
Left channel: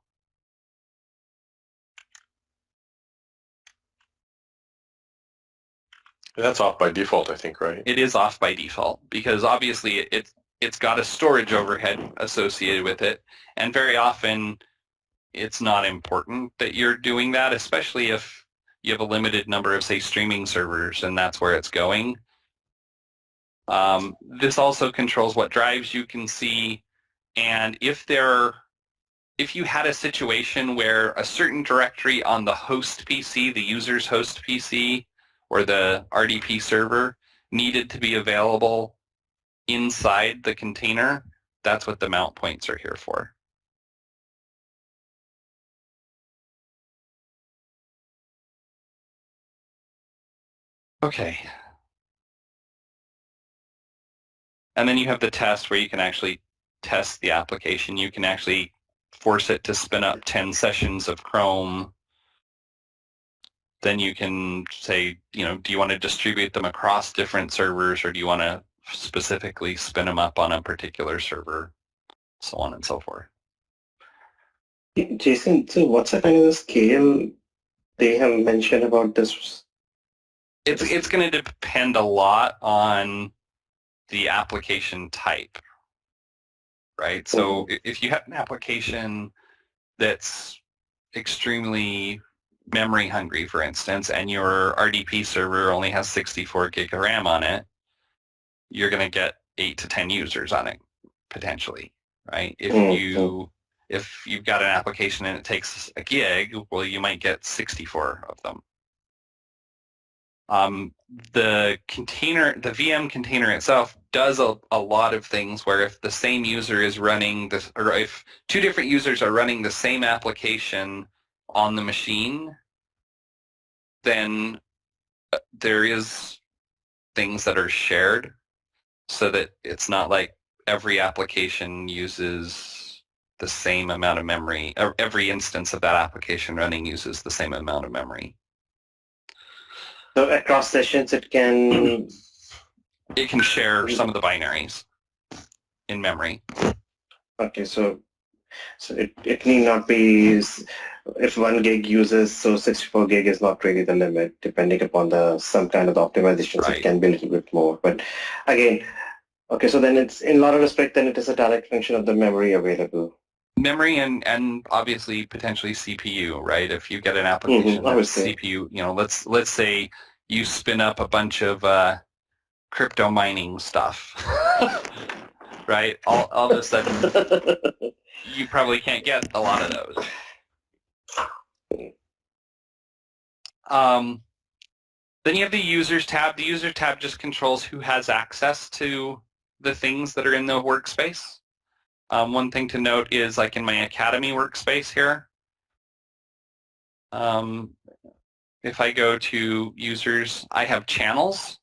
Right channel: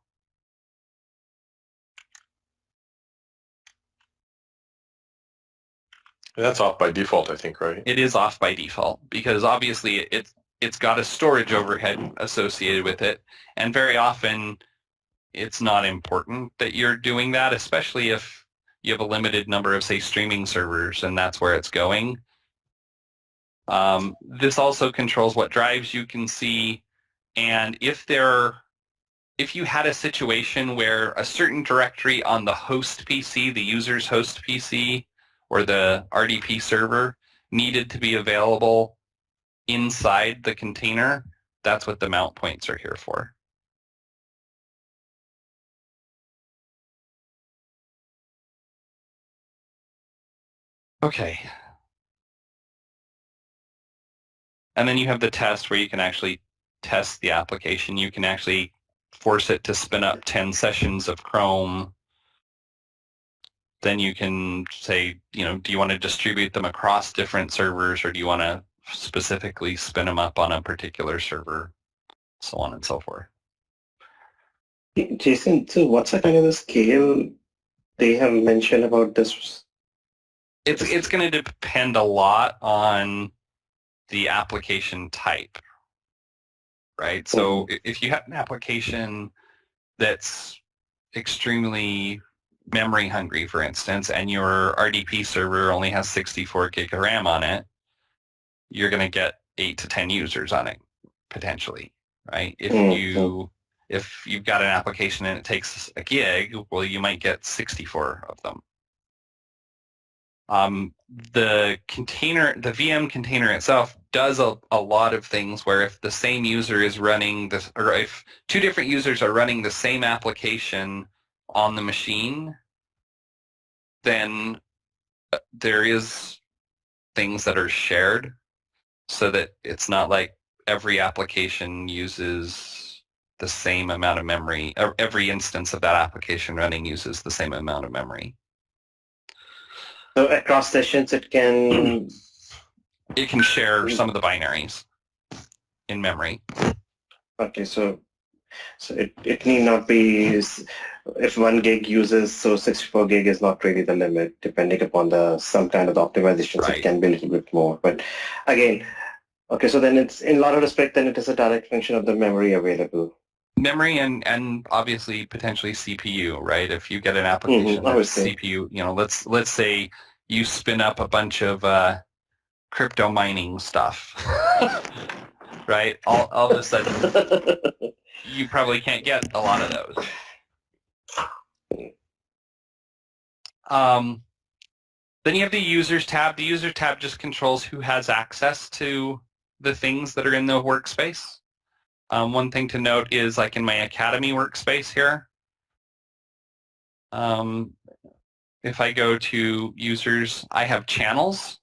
And that's off by default, I think, right? It is off by default because obviously it's got a storage overhead associated with it, and very often it's not important that you're doing that, especially if you have a limited number of, say, streaming servers and that's where it's going. This also controls what drives you can see, and if you had a situation where a certain directory on the host PC, the user's host PC, or the RDP server needed to be available inside the container, that's what the mount points are here for. Okay. And then you have the test where you can actually test the application. You can actually force it to spin up 10 sessions of Chrome. Then you can say, do you want to distribute them across different servers, or do you want to specifically spin them up on a particular server, so on and so forth. Jason, so what's the kind of the scale they have mentioned about this? It's going to depend a lot on the application type, right? So if you have an application that's extremely memory hungry, for instance, and your RDP server only has 64 gig of RAM on it, you're going to get 8 to 10 users on it, potentially, right? If you've got an application and it takes a gig, well, you might get 64 of them. The VM container itself does a lot of things where if the same user is running this, or if two different users are running the same application on the machine, then there is things that are shared so that it's not like every application uses the same amount of memory, or every instance of that application running uses the same amount of memory. So across sessions, it can share some of the binaries in memory. Okay, so it need not be, if 1 gig uses, so 64 gig is not really the limit, depending upon some kind of the optimizations. Right. It can be a little bit more. But again, okay, so then it's, in a lot of respect, then it is a direct function of the memory available. Memory and obviously potentially CPU, right? If you get an application that's CPU, let's say you spin up a bunch of crypto mining stuff, right? All of a sudden, you probably can't get a lot of those. Then you have the Users tab. The Users tab just controls who has access to the things that are in the workspace. One thing to note is, like in my Academy workspace here, if I go to users, I have channels.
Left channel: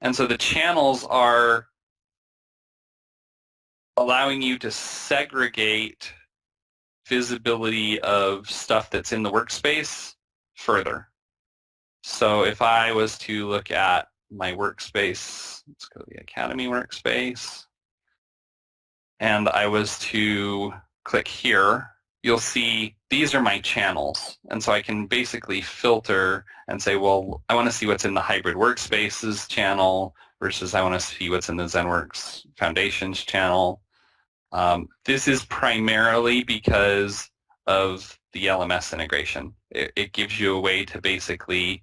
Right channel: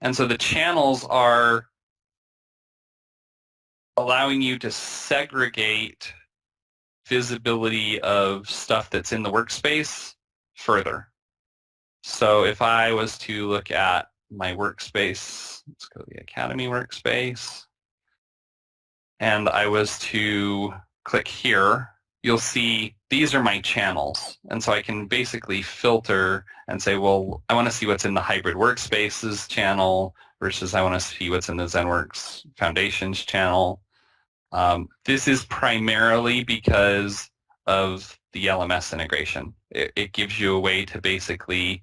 And so the channels are allowing you to segregate visibility of stuff that's in the workspace further. So if I was to look at my workspace, let's go to the Academy workspace, and I was to click here, you'll see these are my channels. And so I can basically filter and say, well, I want to see what's in the Hybrid Workspaces channel versus I want to see what's in the ZenWorks Foundations channel. This is primarily because of the LMS integration. It gives you a way to basically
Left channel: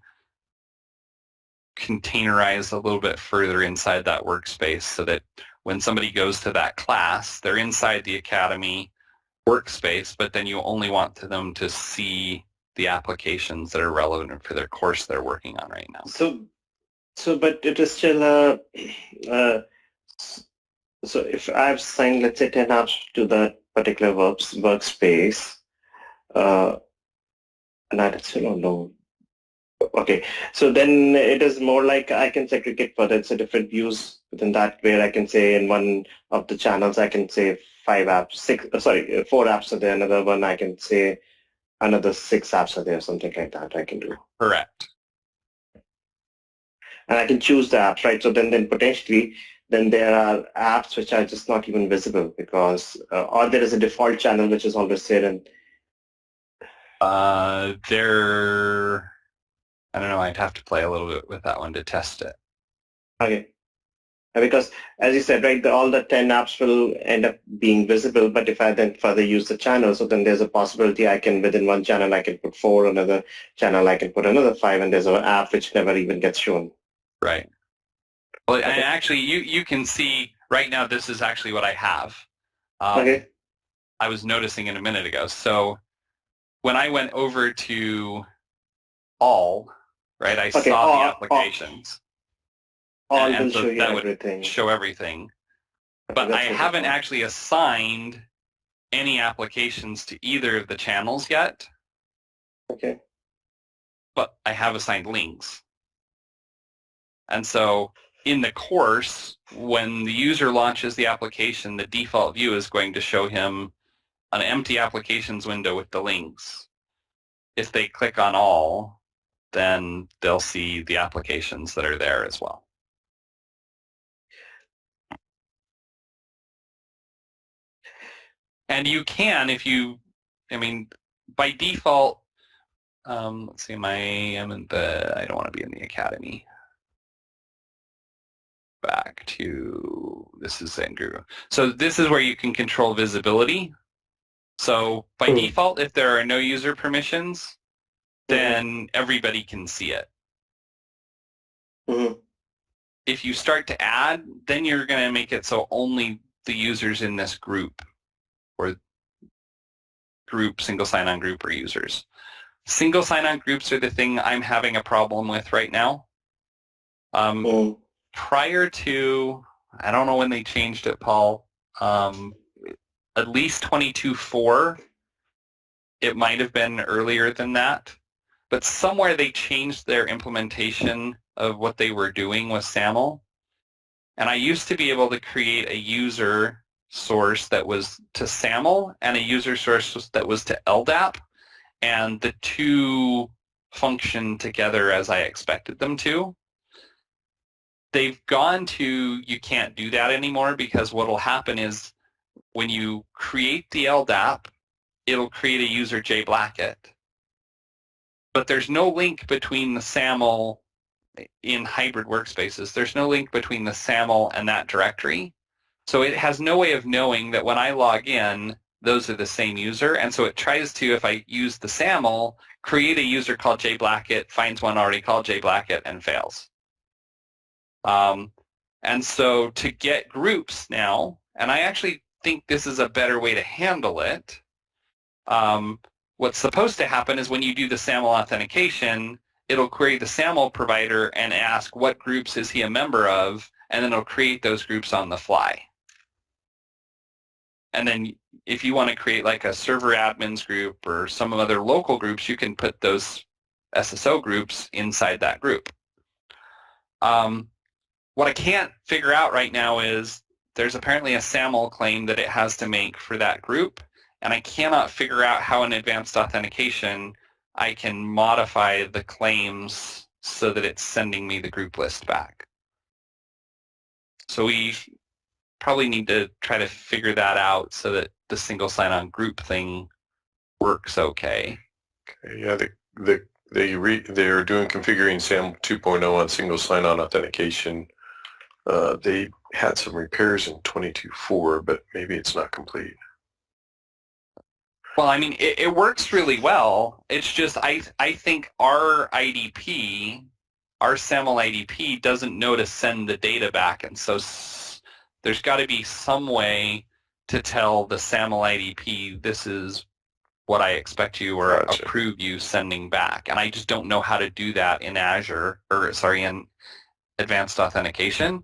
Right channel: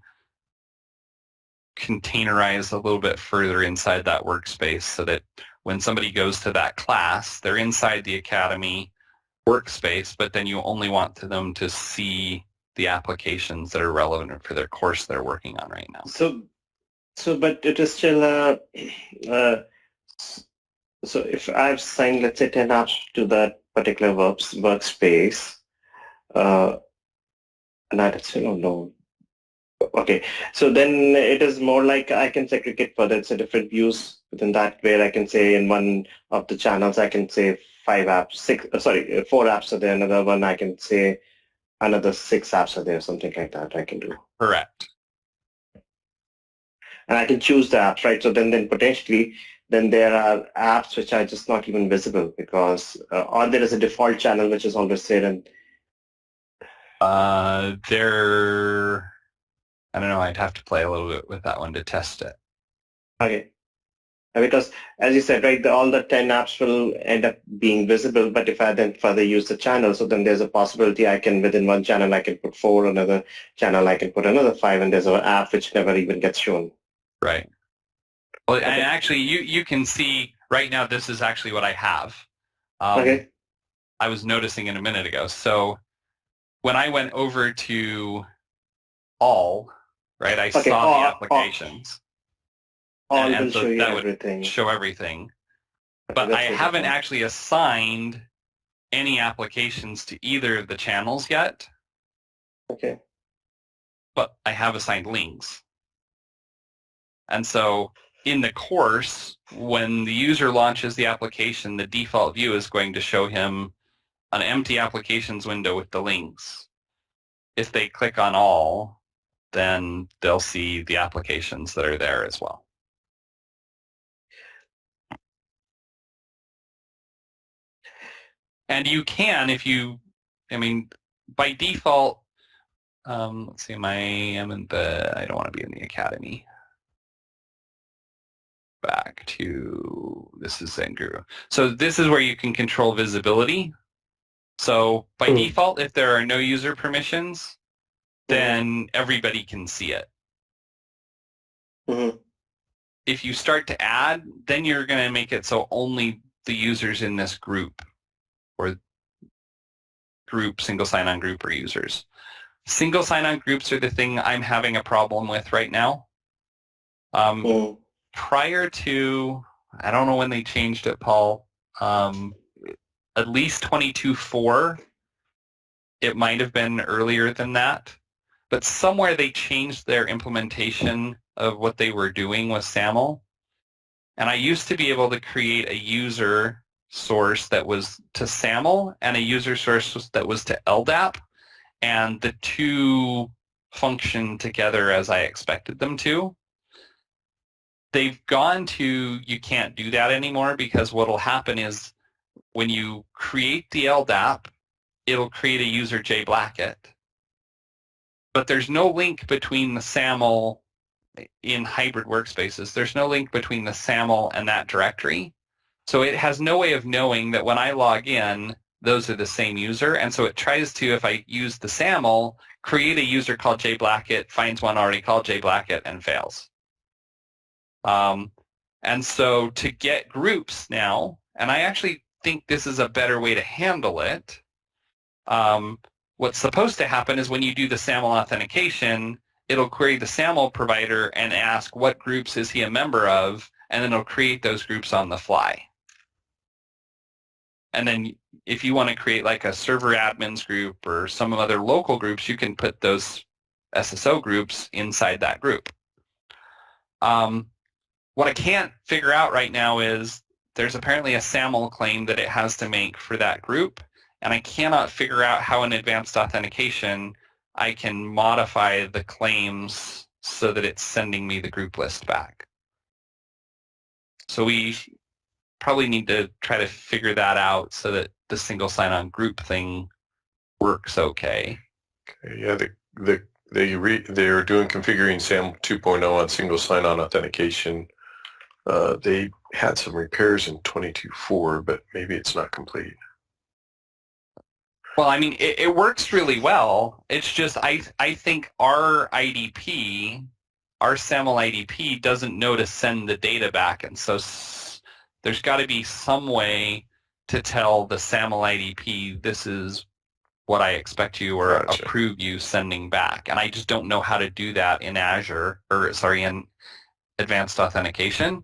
containerize a little bit further inside that workspace so that when somebody goes to that class, they're inside the Academy workspace, but then you only want them to see the applications that are relevant for their course they're working on right now. But it is still so if I've signed, let's say, 10 apps to that particular workspace, and I still don't know. Okay, so then it is more like I can segregate further. It's a different views within that, where I can say in one of the channels I can say 4 apps are there. Another one I can say another 6 apps are there, something like that I can do. Correct. And I can choose the apps, right? So then potentially, then there are apps which are just not even visible because, or there is a default channel which is always there. And I don't know, I'd have to play a little bit with that one to test it. okay. Because as you said, right, all the 10 apps will end up being visible, but if I then further use the channel, so then there's a possibility I can, within one channel, I can put 4, another channel, I can put another 5, and there's an app which never even gets shown. Right. Well, and actually, you can see right now, this is actually what I have. Okay. I was noticing it a minute ago. So when I went over to all, right, I saw the applications. All and will so show you that would everything. show everything. But Okay, I haven't actually assigned any applications to either of the channels yet. Okay. But I have assigned links. And so in the course, when the user launches the application, the default view is going to show him an empty applications window with the links. If they click on all, then they'll see the applications that are there as well. And you can, by default, let's see, I don't want to be in the Academy. Back to, this is Andrew. So this is where you can control visibility. So by default, if there are no user permissions, then everybody can see it. If you start to add, then you're going to make it so only the users in this group or group, single sign-on group or users. Single sign-on groups are the thing I'm having a problem with right now. Prior to, I don't know when they changed it, Paul, at least 22.4, it might have been earlier than that, but somewhere they changed their implementation of what they were doing with SAML. And I used to be able to create a user source that was to SAML and a user source that was to LDAP, and the two function together as I expected them to. They've gone to, you can't do that anymore, because what will happen is when you create the LDAP, it'll create a user JBlacket. But there's no link between the SAML in hybrid workspaces. There's no link between the SAML and that directory. So it has no way of knowing that when I log in, those are the same user. And so it tries to, if I use the SAML, create a user called JBlacket, finds one already called JBlacket, and fails. And so to get groups now, and I actually think this is a better way to handle it, what's supposed to happen is when you do the SAML authentication, it'll query the SAML provider and ask what groups is he a member of, and then it'll create those groups on the fly. And then if you want to create like a server admins group or some other local groups, you can put those SSO groups inside that group. What I can't figure out right now is there's apparently a SAML claim that it has to make for that group, and I cannot figure out how in advanced authentication I can modify the claims so that it's sending me the group list back. So we probably need to try to figure that out so that the single sign-on group thing works okay. Yeah, they're doing configuring SAML 2.0 on single sign-on authentication. They had some repairs in 22.4, but maybe it's not complete. Well, I mean, it works really well. It's just I think our IDP, our SAML IDP, doesn't know to send the data back, and so there's got to be some way to tell the SAML IDP, this is what I expect you or Gotcha. approve you sending back. And I just don't know how to do that in Azure, or sorry, in Advanced Authentication.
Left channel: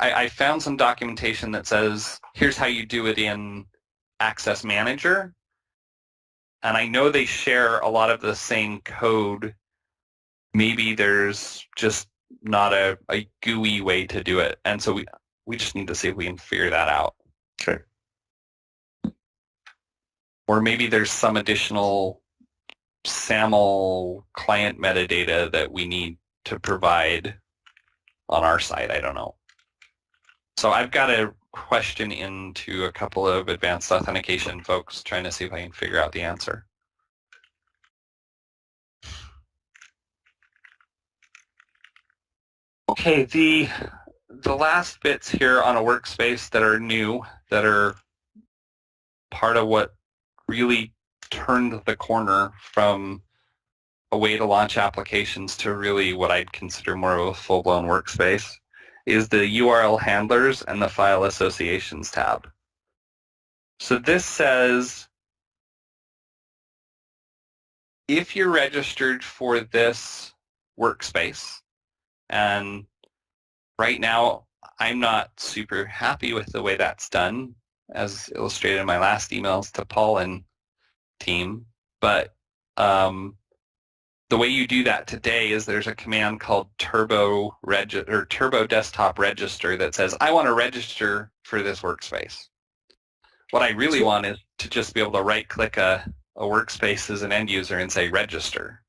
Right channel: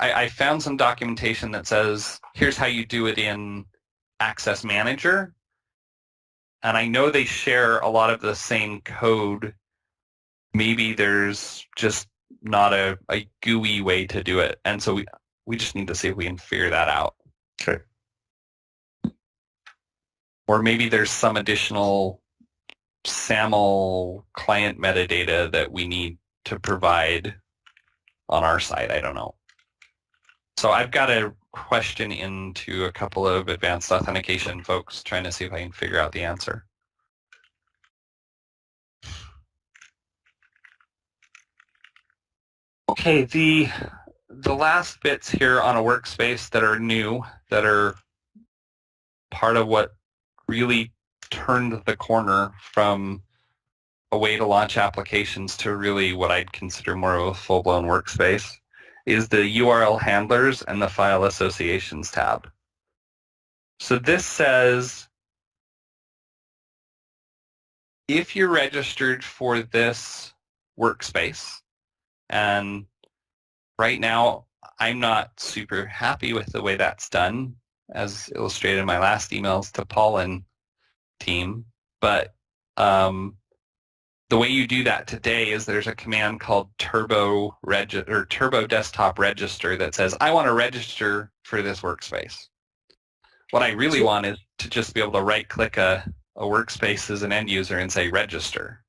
I found some documentation that says, here's how you do it in Access Manager. And I know they share a lot of the same code. Maybe there's just not a GUI way to do it. And so we just need to see if we can figure that out. Okay. Or maybe there's some additional SAML client metadata that we need to provide on our side. I don't know. So I've got a question into a couple of Advanced Authentication folks trying to see if I can figure out the answer. Okay, the last bits here on a workspace that are new, that are part of what really turned the corner from a way to launch applications to really what I'd consider more of a full-blown workspace, is the URL handlers and the file associations tab. So this says, if you're registered for this workspace, and right now I'm not super happy with the way that's done, as illustrated in my last emails to Paul and team, but the way you do that today is there's a command called turbo desktop register that says, I want to register for this workspace. What I really want is to just be able to right-click a workspace as an end user and say register.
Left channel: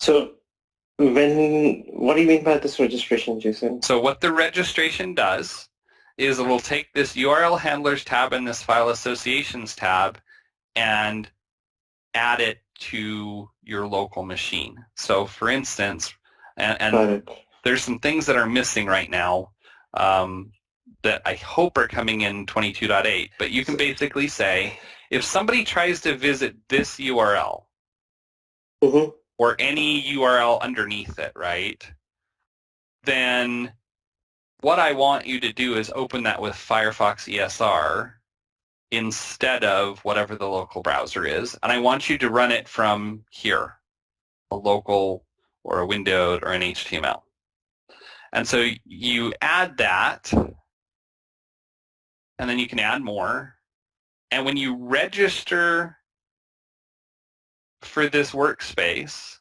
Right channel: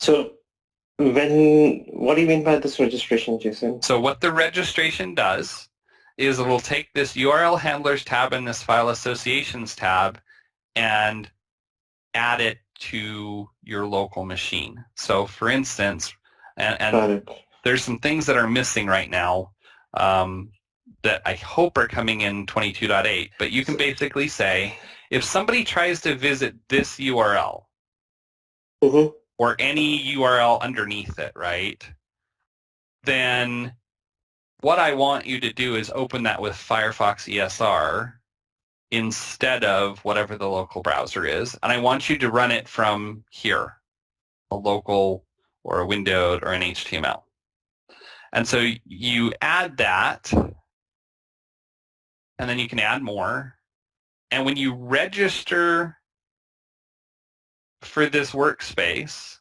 So what do you mean by this registration, Jason? So what the registration does is it will take this URL handlers tab and this file associations tab and add it to your local machine. So for instance, and there's some things that are missing right now that I hope are coming in 22.8, but you can basically say, if somebody tries to visit this URL, or any URL underneath it, right, then what I want you to do is open that with Firefox ESR instead of whatever the local browser is. And I want you to run it from here, a local or a windowed or an HTML. And so you add that, and then you can add more. And when you register for this workspace,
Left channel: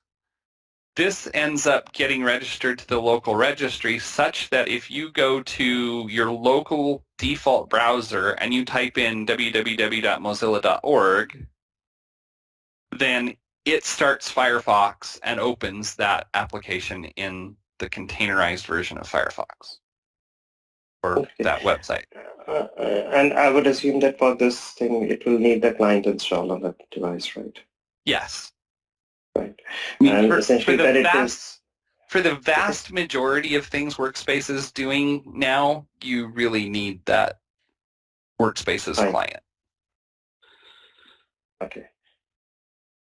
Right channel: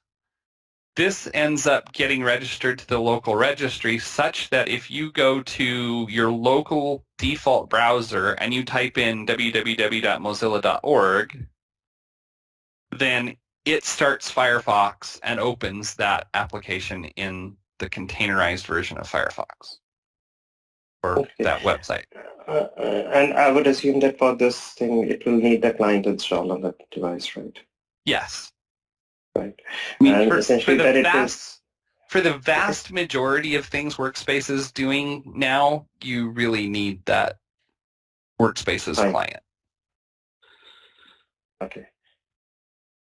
this ends up getting registered to the local registry such that if you go to your local default browser and you type in www.mozilla.org, then it starts Firefox and opens that application in the containerized version of Firefox, or that website. And I would assume that for this thing, it will need the client installed on that device, right? Yes. Right. I mean, And essentially for the vast majority of things Workspaces doing now, you really need that Workspaces client. Okay.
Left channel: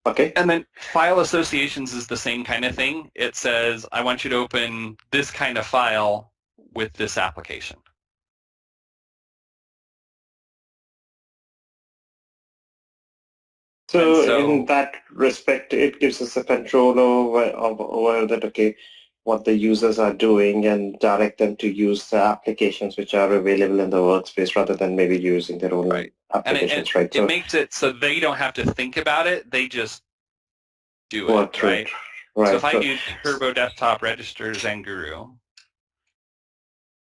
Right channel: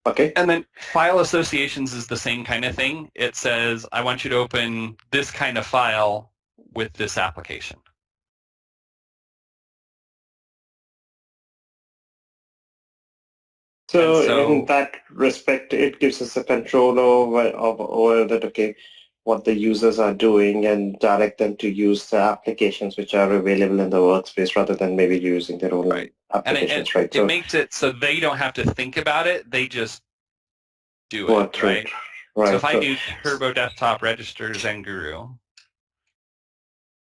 Okay. And then file associations is the same kind of thing. It says, I want you to open this kind of file with this application. So in that respect, it gives us a control over that, okay, what the users are doing and direct them to use the applications which are available in the workspace rather than maybe using their own applications, right? It makes it so they don't have to think about it. They just do it, right? So if I do Turbo Desktop Register Zenguru,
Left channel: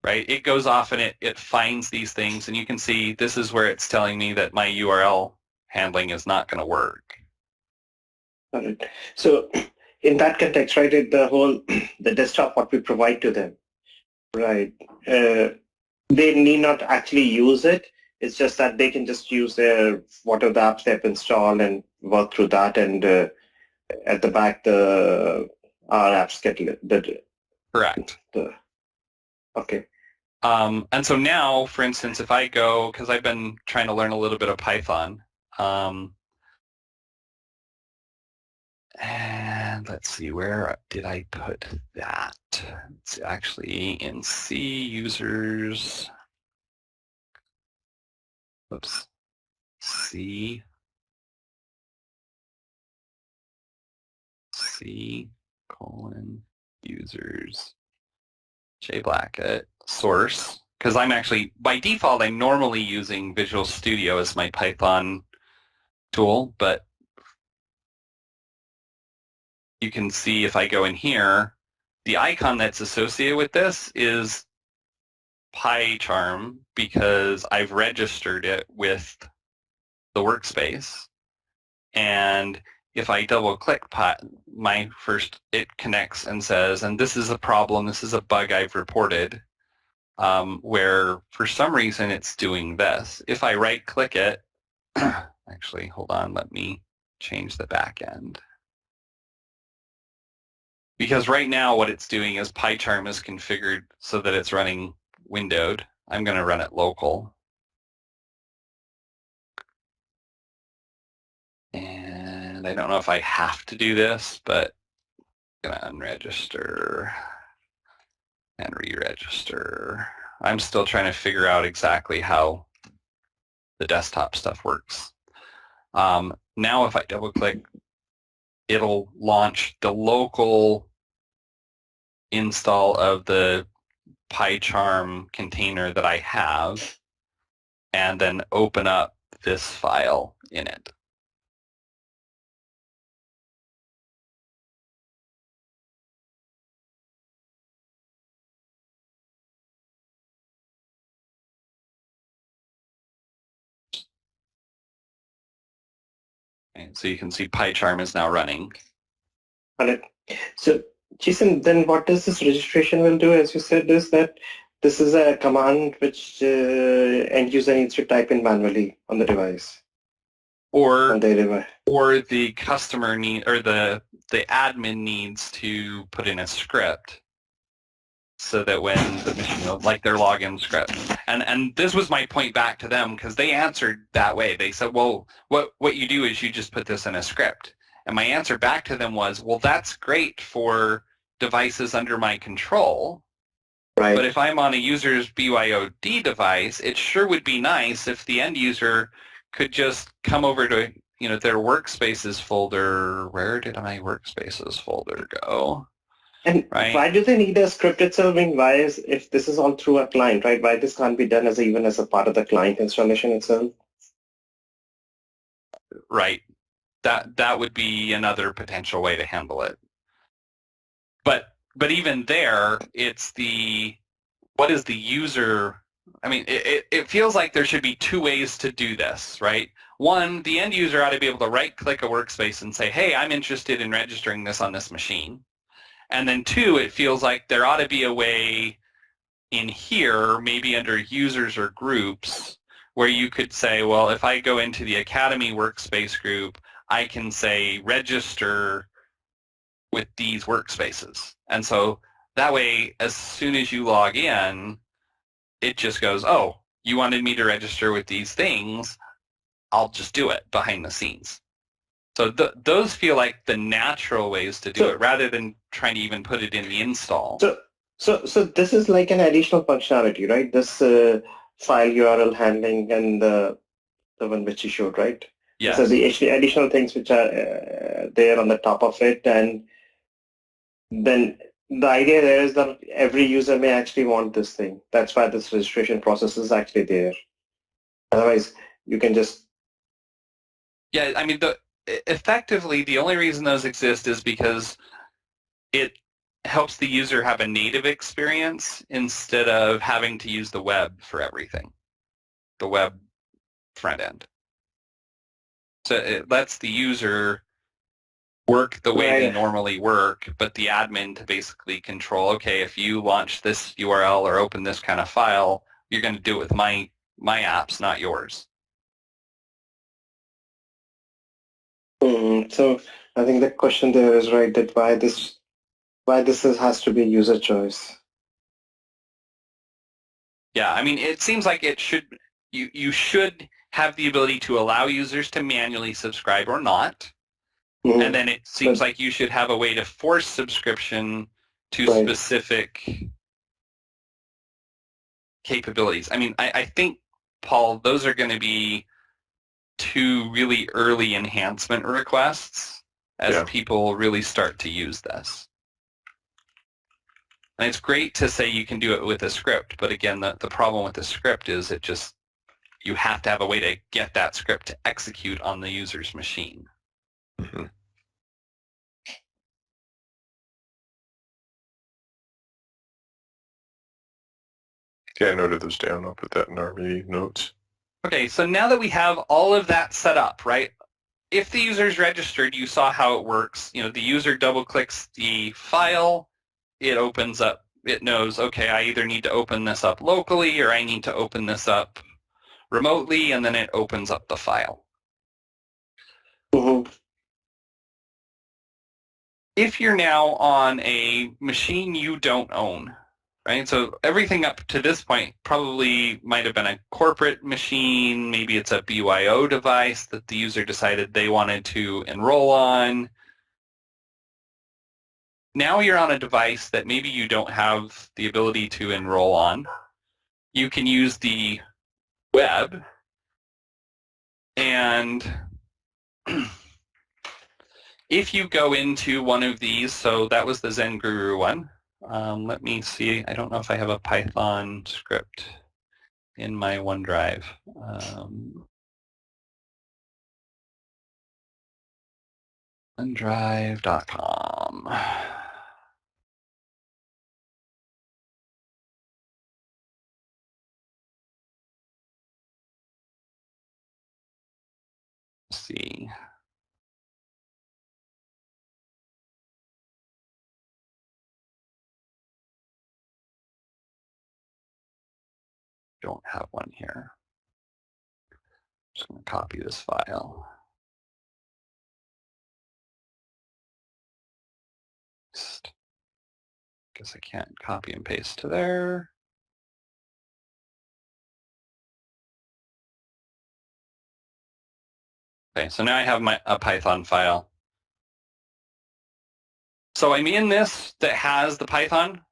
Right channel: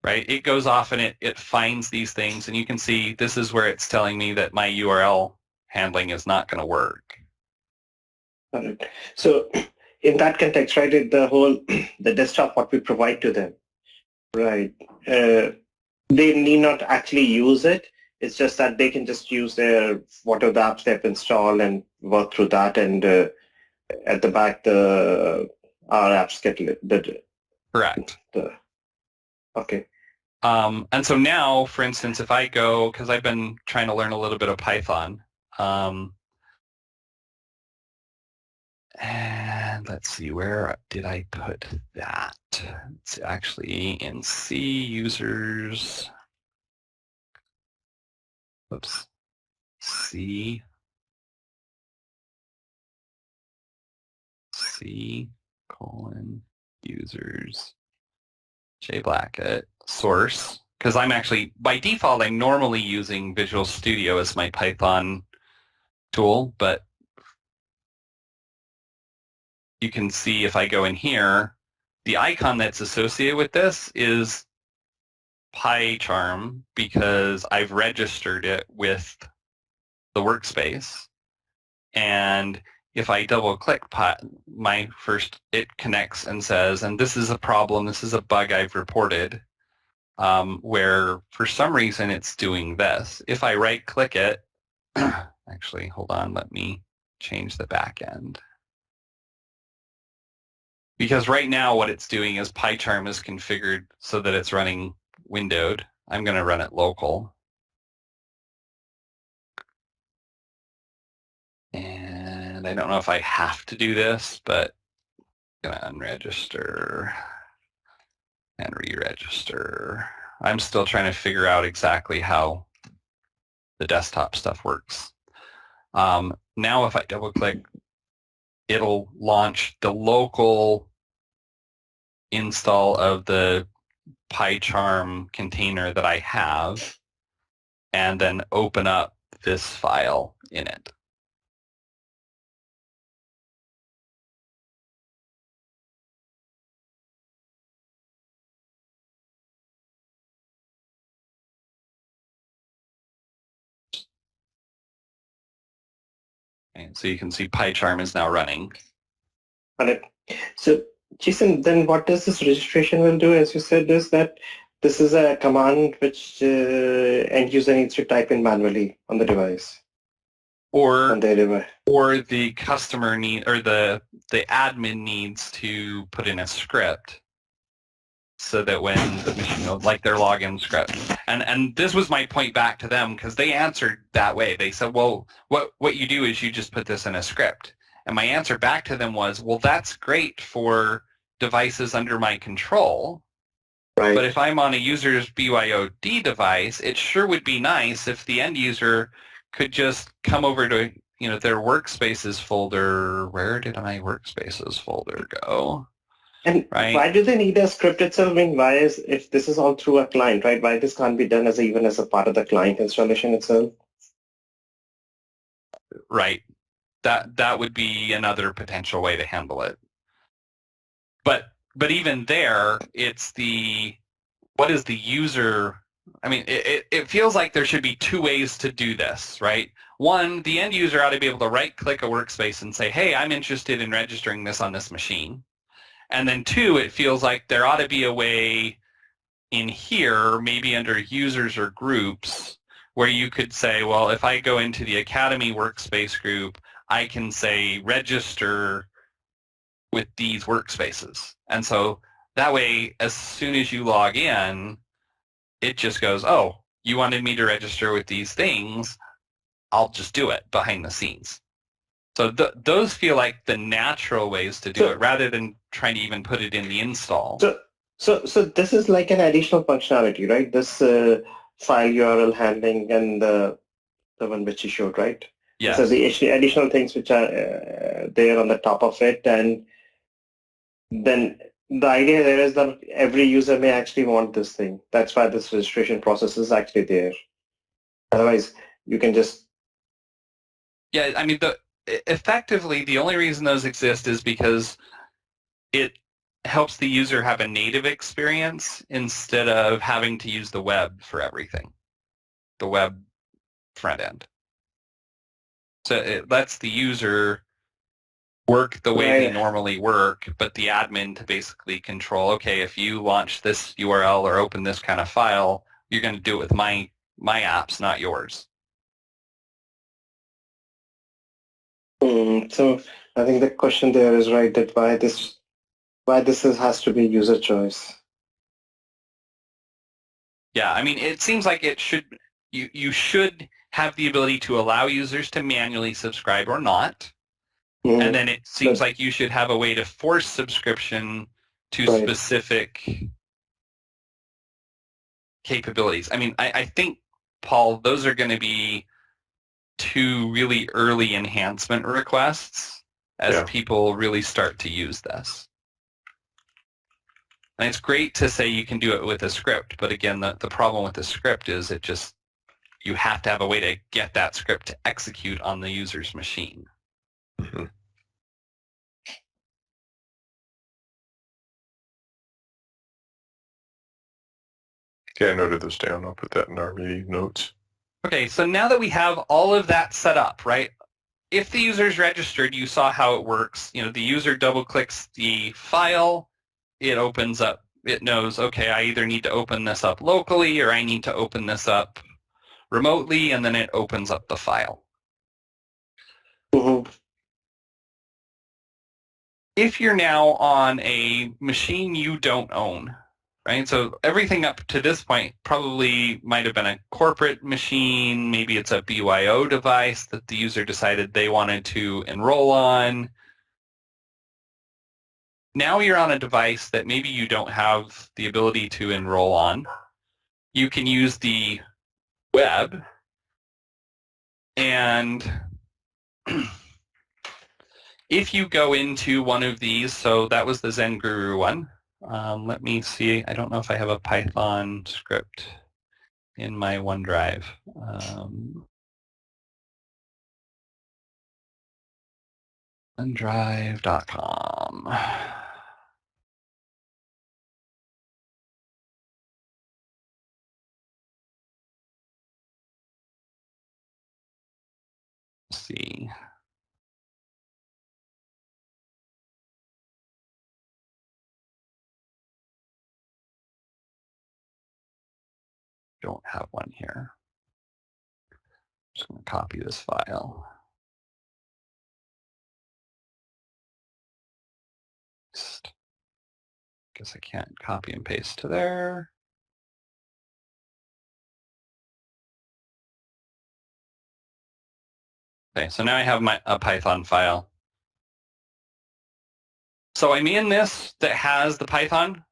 right, it goes off and it finds these things, and you can see this is where it's telling me that my URL handling is not going to work. Got it. So in that context, right, the desktop, what we provide to them, right, they need not actually use it. It's just that they can just use whatever the apps they've installed and work through that, and at the back, our apps get correct. Okay. And so now, for instance, if I go, because I've been trying to learn a little bit of Python, and And let's see, where did I put that? It's actually in C, users. Oops. C colon users J Blackett source, because I'm actually, by default, I'm normally using Visual Studio as my Python tool, but you can see if I go in here, the icon that's associated with this is PyCharm because I've registered it with the workspace. And if I double click it connects and says, and this is a problem, this is a bug I've reported, where for some reason it's doing this. If I right click it, actually, hold on, let me change the back end. Because right now what it's doing is PyCharm is configured so that it's running windowed. I'm going to run it local. And I don't know if I have to do this, but I'm going to unregister and re-register. I'm still trying to figure out exactly how the desktop stuff works. Now if I double click, it'll launch the local install of the PyCharm container that I have and then open up this file in it. And so you can see PyCharm is now running. Got it. So, Jason, then what does this registration will do, as you said, is that this is a command which end user needs to type in manually on the device. Or their device. Or the customer or the admin needs to put in a script so that when the machine, like their login script. And this was my point back to them because they answered that way. They said, well, what you do is you just put this in a script. And my answer back to them was, well, that's great for devices under my control. Right. But if I'm on a user's BYOD device, it sure would be nice if the end user could just come over to, their Workspaces folder. Where did my Workspaces folder go? And right? Why do they need a script itself? I mean, why is, if this is all through a client, right? Why this can't be done even as a part of the client installation itself? Right. That would be another potential way to handle it. But even there, it's what is the user? I mean, it feels like there should be two ways to do this, right? One, the end user ought to be able to right-click a workspace and say, hey, I'm interested in registering this on this machine. And then two, it feels like there ought to be a way in here, maybe under users or groups, where you could say, well, if I go into the Academy workspace group, I can say register with these workspaces. And so that way, as soon as you log in, it just goes, oh, you wanted me to register with these things, I'll just do it behind the scenes. So those feel like the natural ways to do it rather than trying to even put it in the install. So this is like an additional functionality, right? This file URL handling and the one which you showed, right? Yes. So the additional things which are there on the top of it, and then the idea there is that every user may actually want this thing. That's why this registration process is actually there. Otherwise, you can just... Yeah, I mean, effectively, the only reason those exist is because it helps the user have a native experience instead of having to use the web for everything, the web front end. So it lets the user work the way they normally work, but the admin to basically control, okay, if you launch this URL or open this kind of file, you're going to do it with my apps, not yours. So I think the question there is right, that why this has to be user choice. Yeah, I mean, it seems like it should, you should have the ability to allow users to manually subscribe or not. And then it seems like you should have a way to force subscription to Right. specific capabilities. I mean, I think, Paul, those are going to be two really early enhancement requests as people really start to use this. And it's great to say you can do it with a script, but again, the problem with the script is you have to have a way to get that script to execute on the user's machine. Mm-hmm. Yeah, I noted those down. I'll put that in our meeting notes. Okay, so now that we have all of that set up, right? If the user's registered, you saw how it works. You know, the user double-clicks the file, it opens up, it knows, okay, I either need to open this up locally or I need to open this up remotely, and then it opens up the file. If you're now on a machine you don't own, right? So everything up to this point probably might have been a corporate machine. Maybe it's a BYO device that the user decided they wanted to enroll on. Now you're on a device that maybe you don't have the ability to enroll on. You can use the web, and if you go into one of these, so that was the Zen Guru one. Let me see. I don't know if I have a Python script in my OneDrive. OneDrive.com. Let's see. Don't have one here. I'm just going to copy this file. Guess I can't copy and paste to there. Okay, so now I have a Python file. So I'm in this that has the Python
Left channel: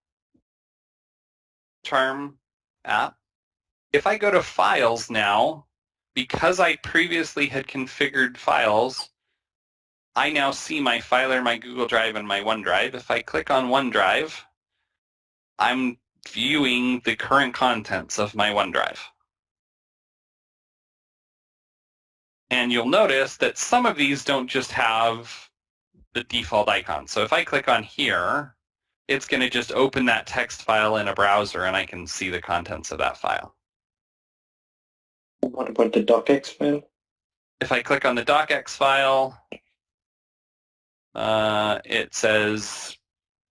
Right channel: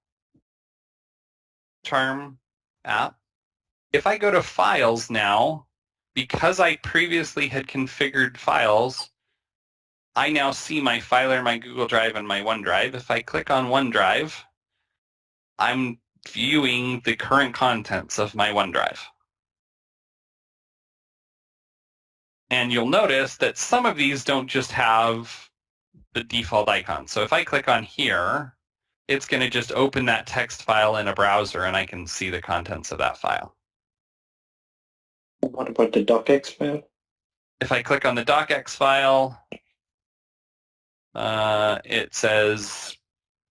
Charm app. If I go to Files now, because I previously had configured files, I now see my Filer, my Google Drive, and my OneDrive. If I click on OneDrive, I'm viewing the current contents of my OneDrive. And you'll notice that some of these don't just have the default icon. So if I click on here, it's going to just open that text file in a browser, and I can see the contents of that file. What about the docx file? If I click on the docx file, it says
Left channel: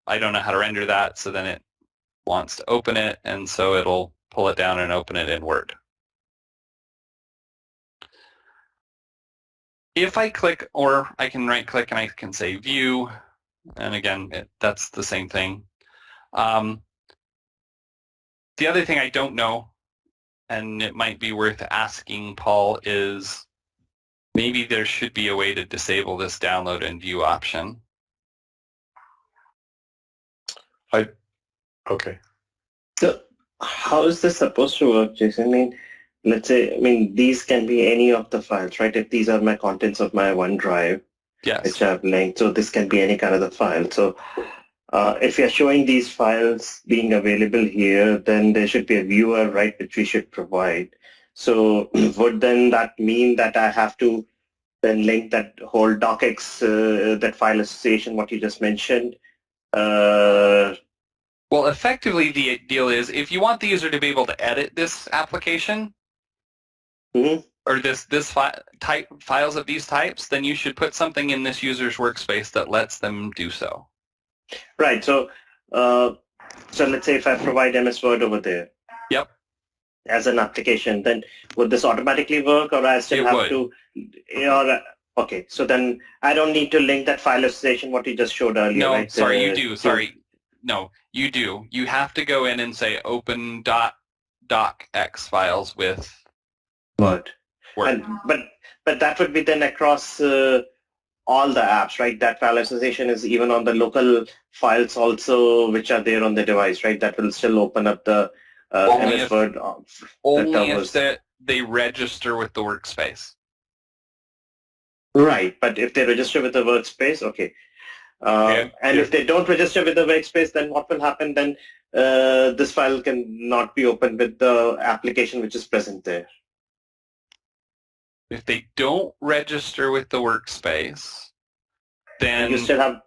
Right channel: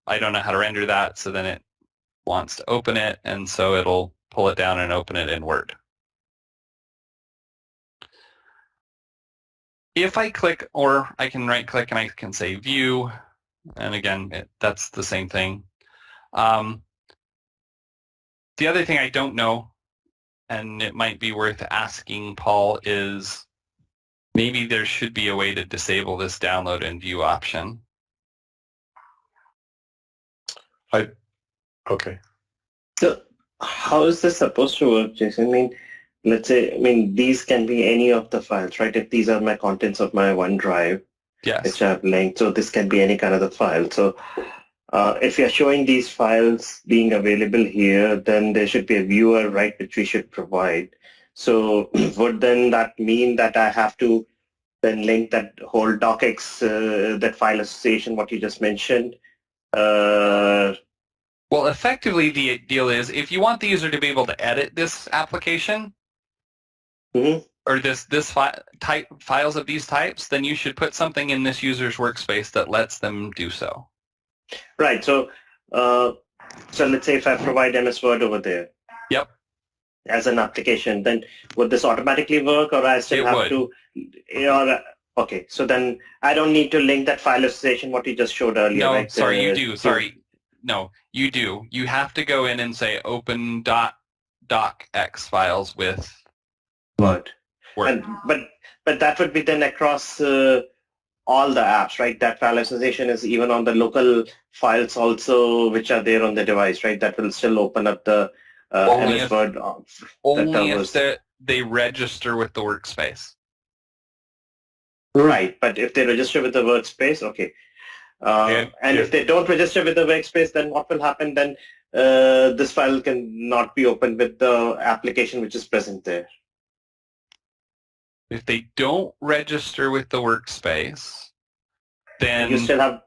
I don't know how to render that, so then it wants to open it, and so it'll pull it down and open it in Word. If I click, or I can right-click and I can say View, and again, that's the same thing. The other thing I don't know, and it might be worth asking Paul, is maybe there should be a way to disable this download and view option. Okay. So how is this supposed to work, Jason? I mean, let's say, these can be any of the files, right? If these are my contents of my OneDrive, Yes. which I've linked, so this can be any kind of the file. So if you're showing these files being available here, then there should be a viewer, right, which we should provide. So would then that mean that I have to then link that whole docx, that file association, what you just mentioned? Well, effectively, the deal is if you want the user to be able to edit this application, or this files of these types, then you should put something in this user's workspace that lets them do so. Right. So, so let's say if I provide MS Word over there. Yep. As an application, then would this automatically work, or I still have to? Okay. So then I don't need to link that file association what you just showed earlier. No, right? sorry, you do. Sorry. No, you do. You have to go in and say open .docx files with Word. Word. But that would be then across all the apps, right? That file association is even on the local files also, which are there on the device, right? That will still open up the Only MS if- Word. Only if they register with the workspace. Right, but if they register with the workspace, okay. And if they don't register with the workspace, then what will happen then? This file can not be opened with the application which is present there. If they don't register with the workspace, then You still have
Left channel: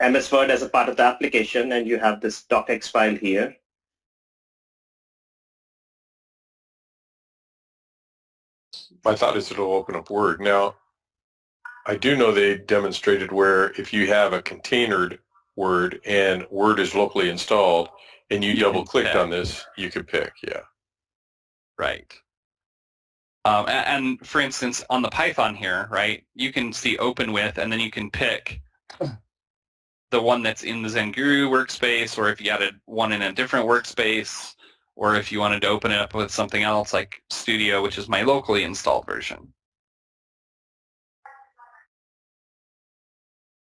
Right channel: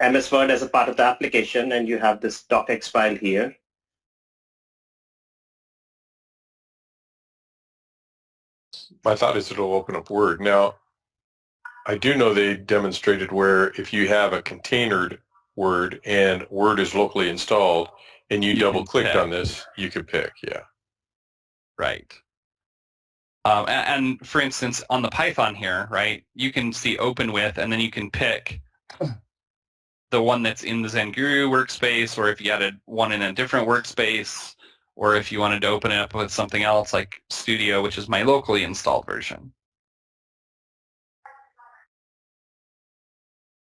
MS Word as a part of the application, and you have this docx file here. My thought is it'll open up Word. Now, I do know they demonstrated where if you have a containered Word and Word is locally installed and you You double can clicked pick. on this, you could pick, yeah. right. And for instance, on the Python here, right, you can see open with, and then you can pick the one that's in the ZenGuru workspace, or if you added one in a different workspace, or if you wanted to open it up with something else like Studio, which is my locally installed version.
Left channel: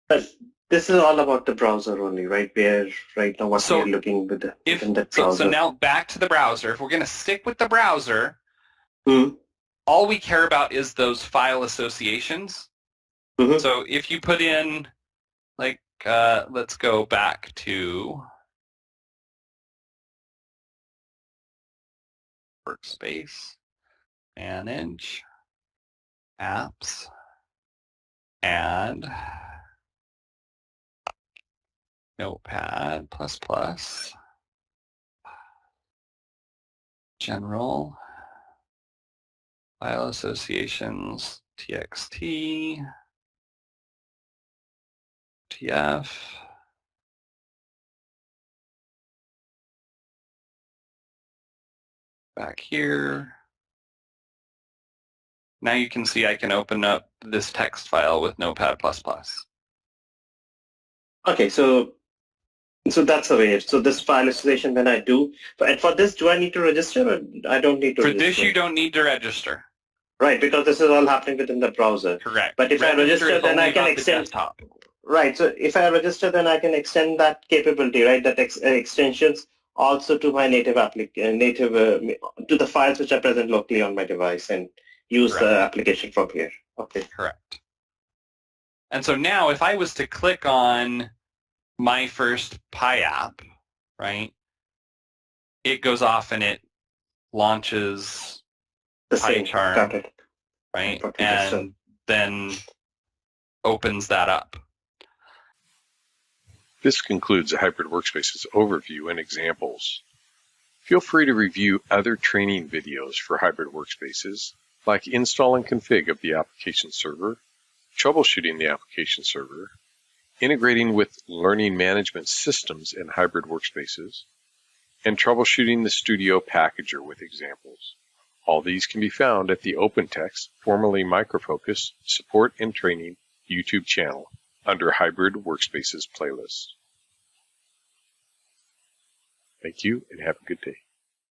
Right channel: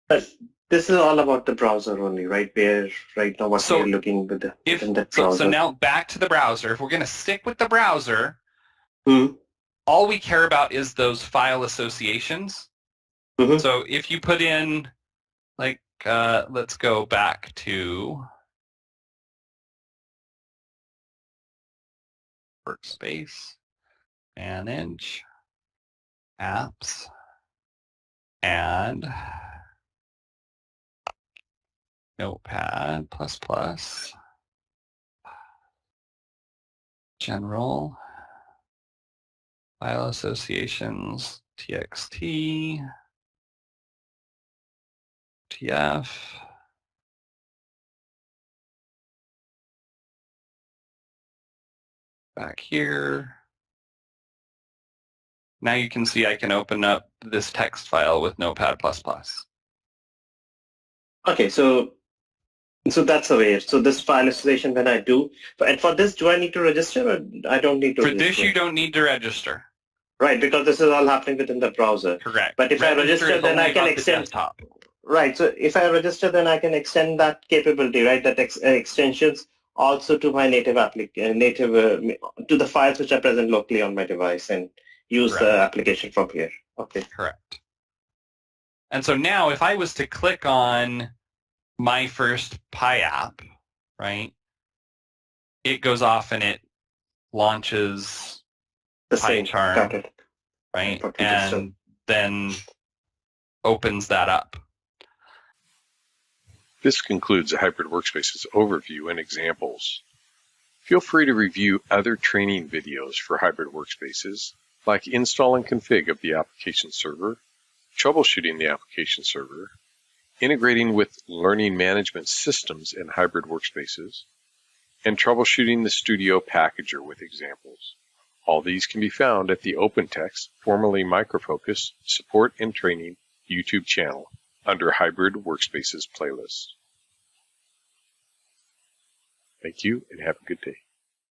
But this is all about the browser only, right? Where right now what So we're looking within that browser. So now back to the browser. If we're going to stick with the browser, Hmm. all we care about is those file associations. Mhm. So if you put in, like, let's go back to Workspace, Manage, Apps, and Notepad++, General, File Associations, TXT, TF, back here. Now you can see I can open up this text file with Notepad++. Okay, so that's the way. So this file association when I do, and for this, do I need to register or I don't need to For register? this, you don't need to register. Right, because this is all happening within the browser. Correct. But if I register, is then only I can about the extend. desktop. Right, so if I register, then I can extend that capability, right? That extensions also to my native to the files which are present locally on my device and use the Correct. application from here. Okay. Correct. And so now if I was to click on my first Pi app, right, it goes off and it launches The same. PyCharm, Got it. right, Okay, and then opens that up. This concludes the Hybrid Workspaces overview and examples. Feel free to review other training videos for Hybrid Workspaces, like install and config of the application server, troubleshooting the application server, integrating with learning management systems in Hybrid Workspaces, and troubleshooting the Studio Packager with examples. All these can be found at the OpenText, formerly Microfocus, Support and Training YouTube channel under Hybrid Workspaces playlist. Thank you and have a good day.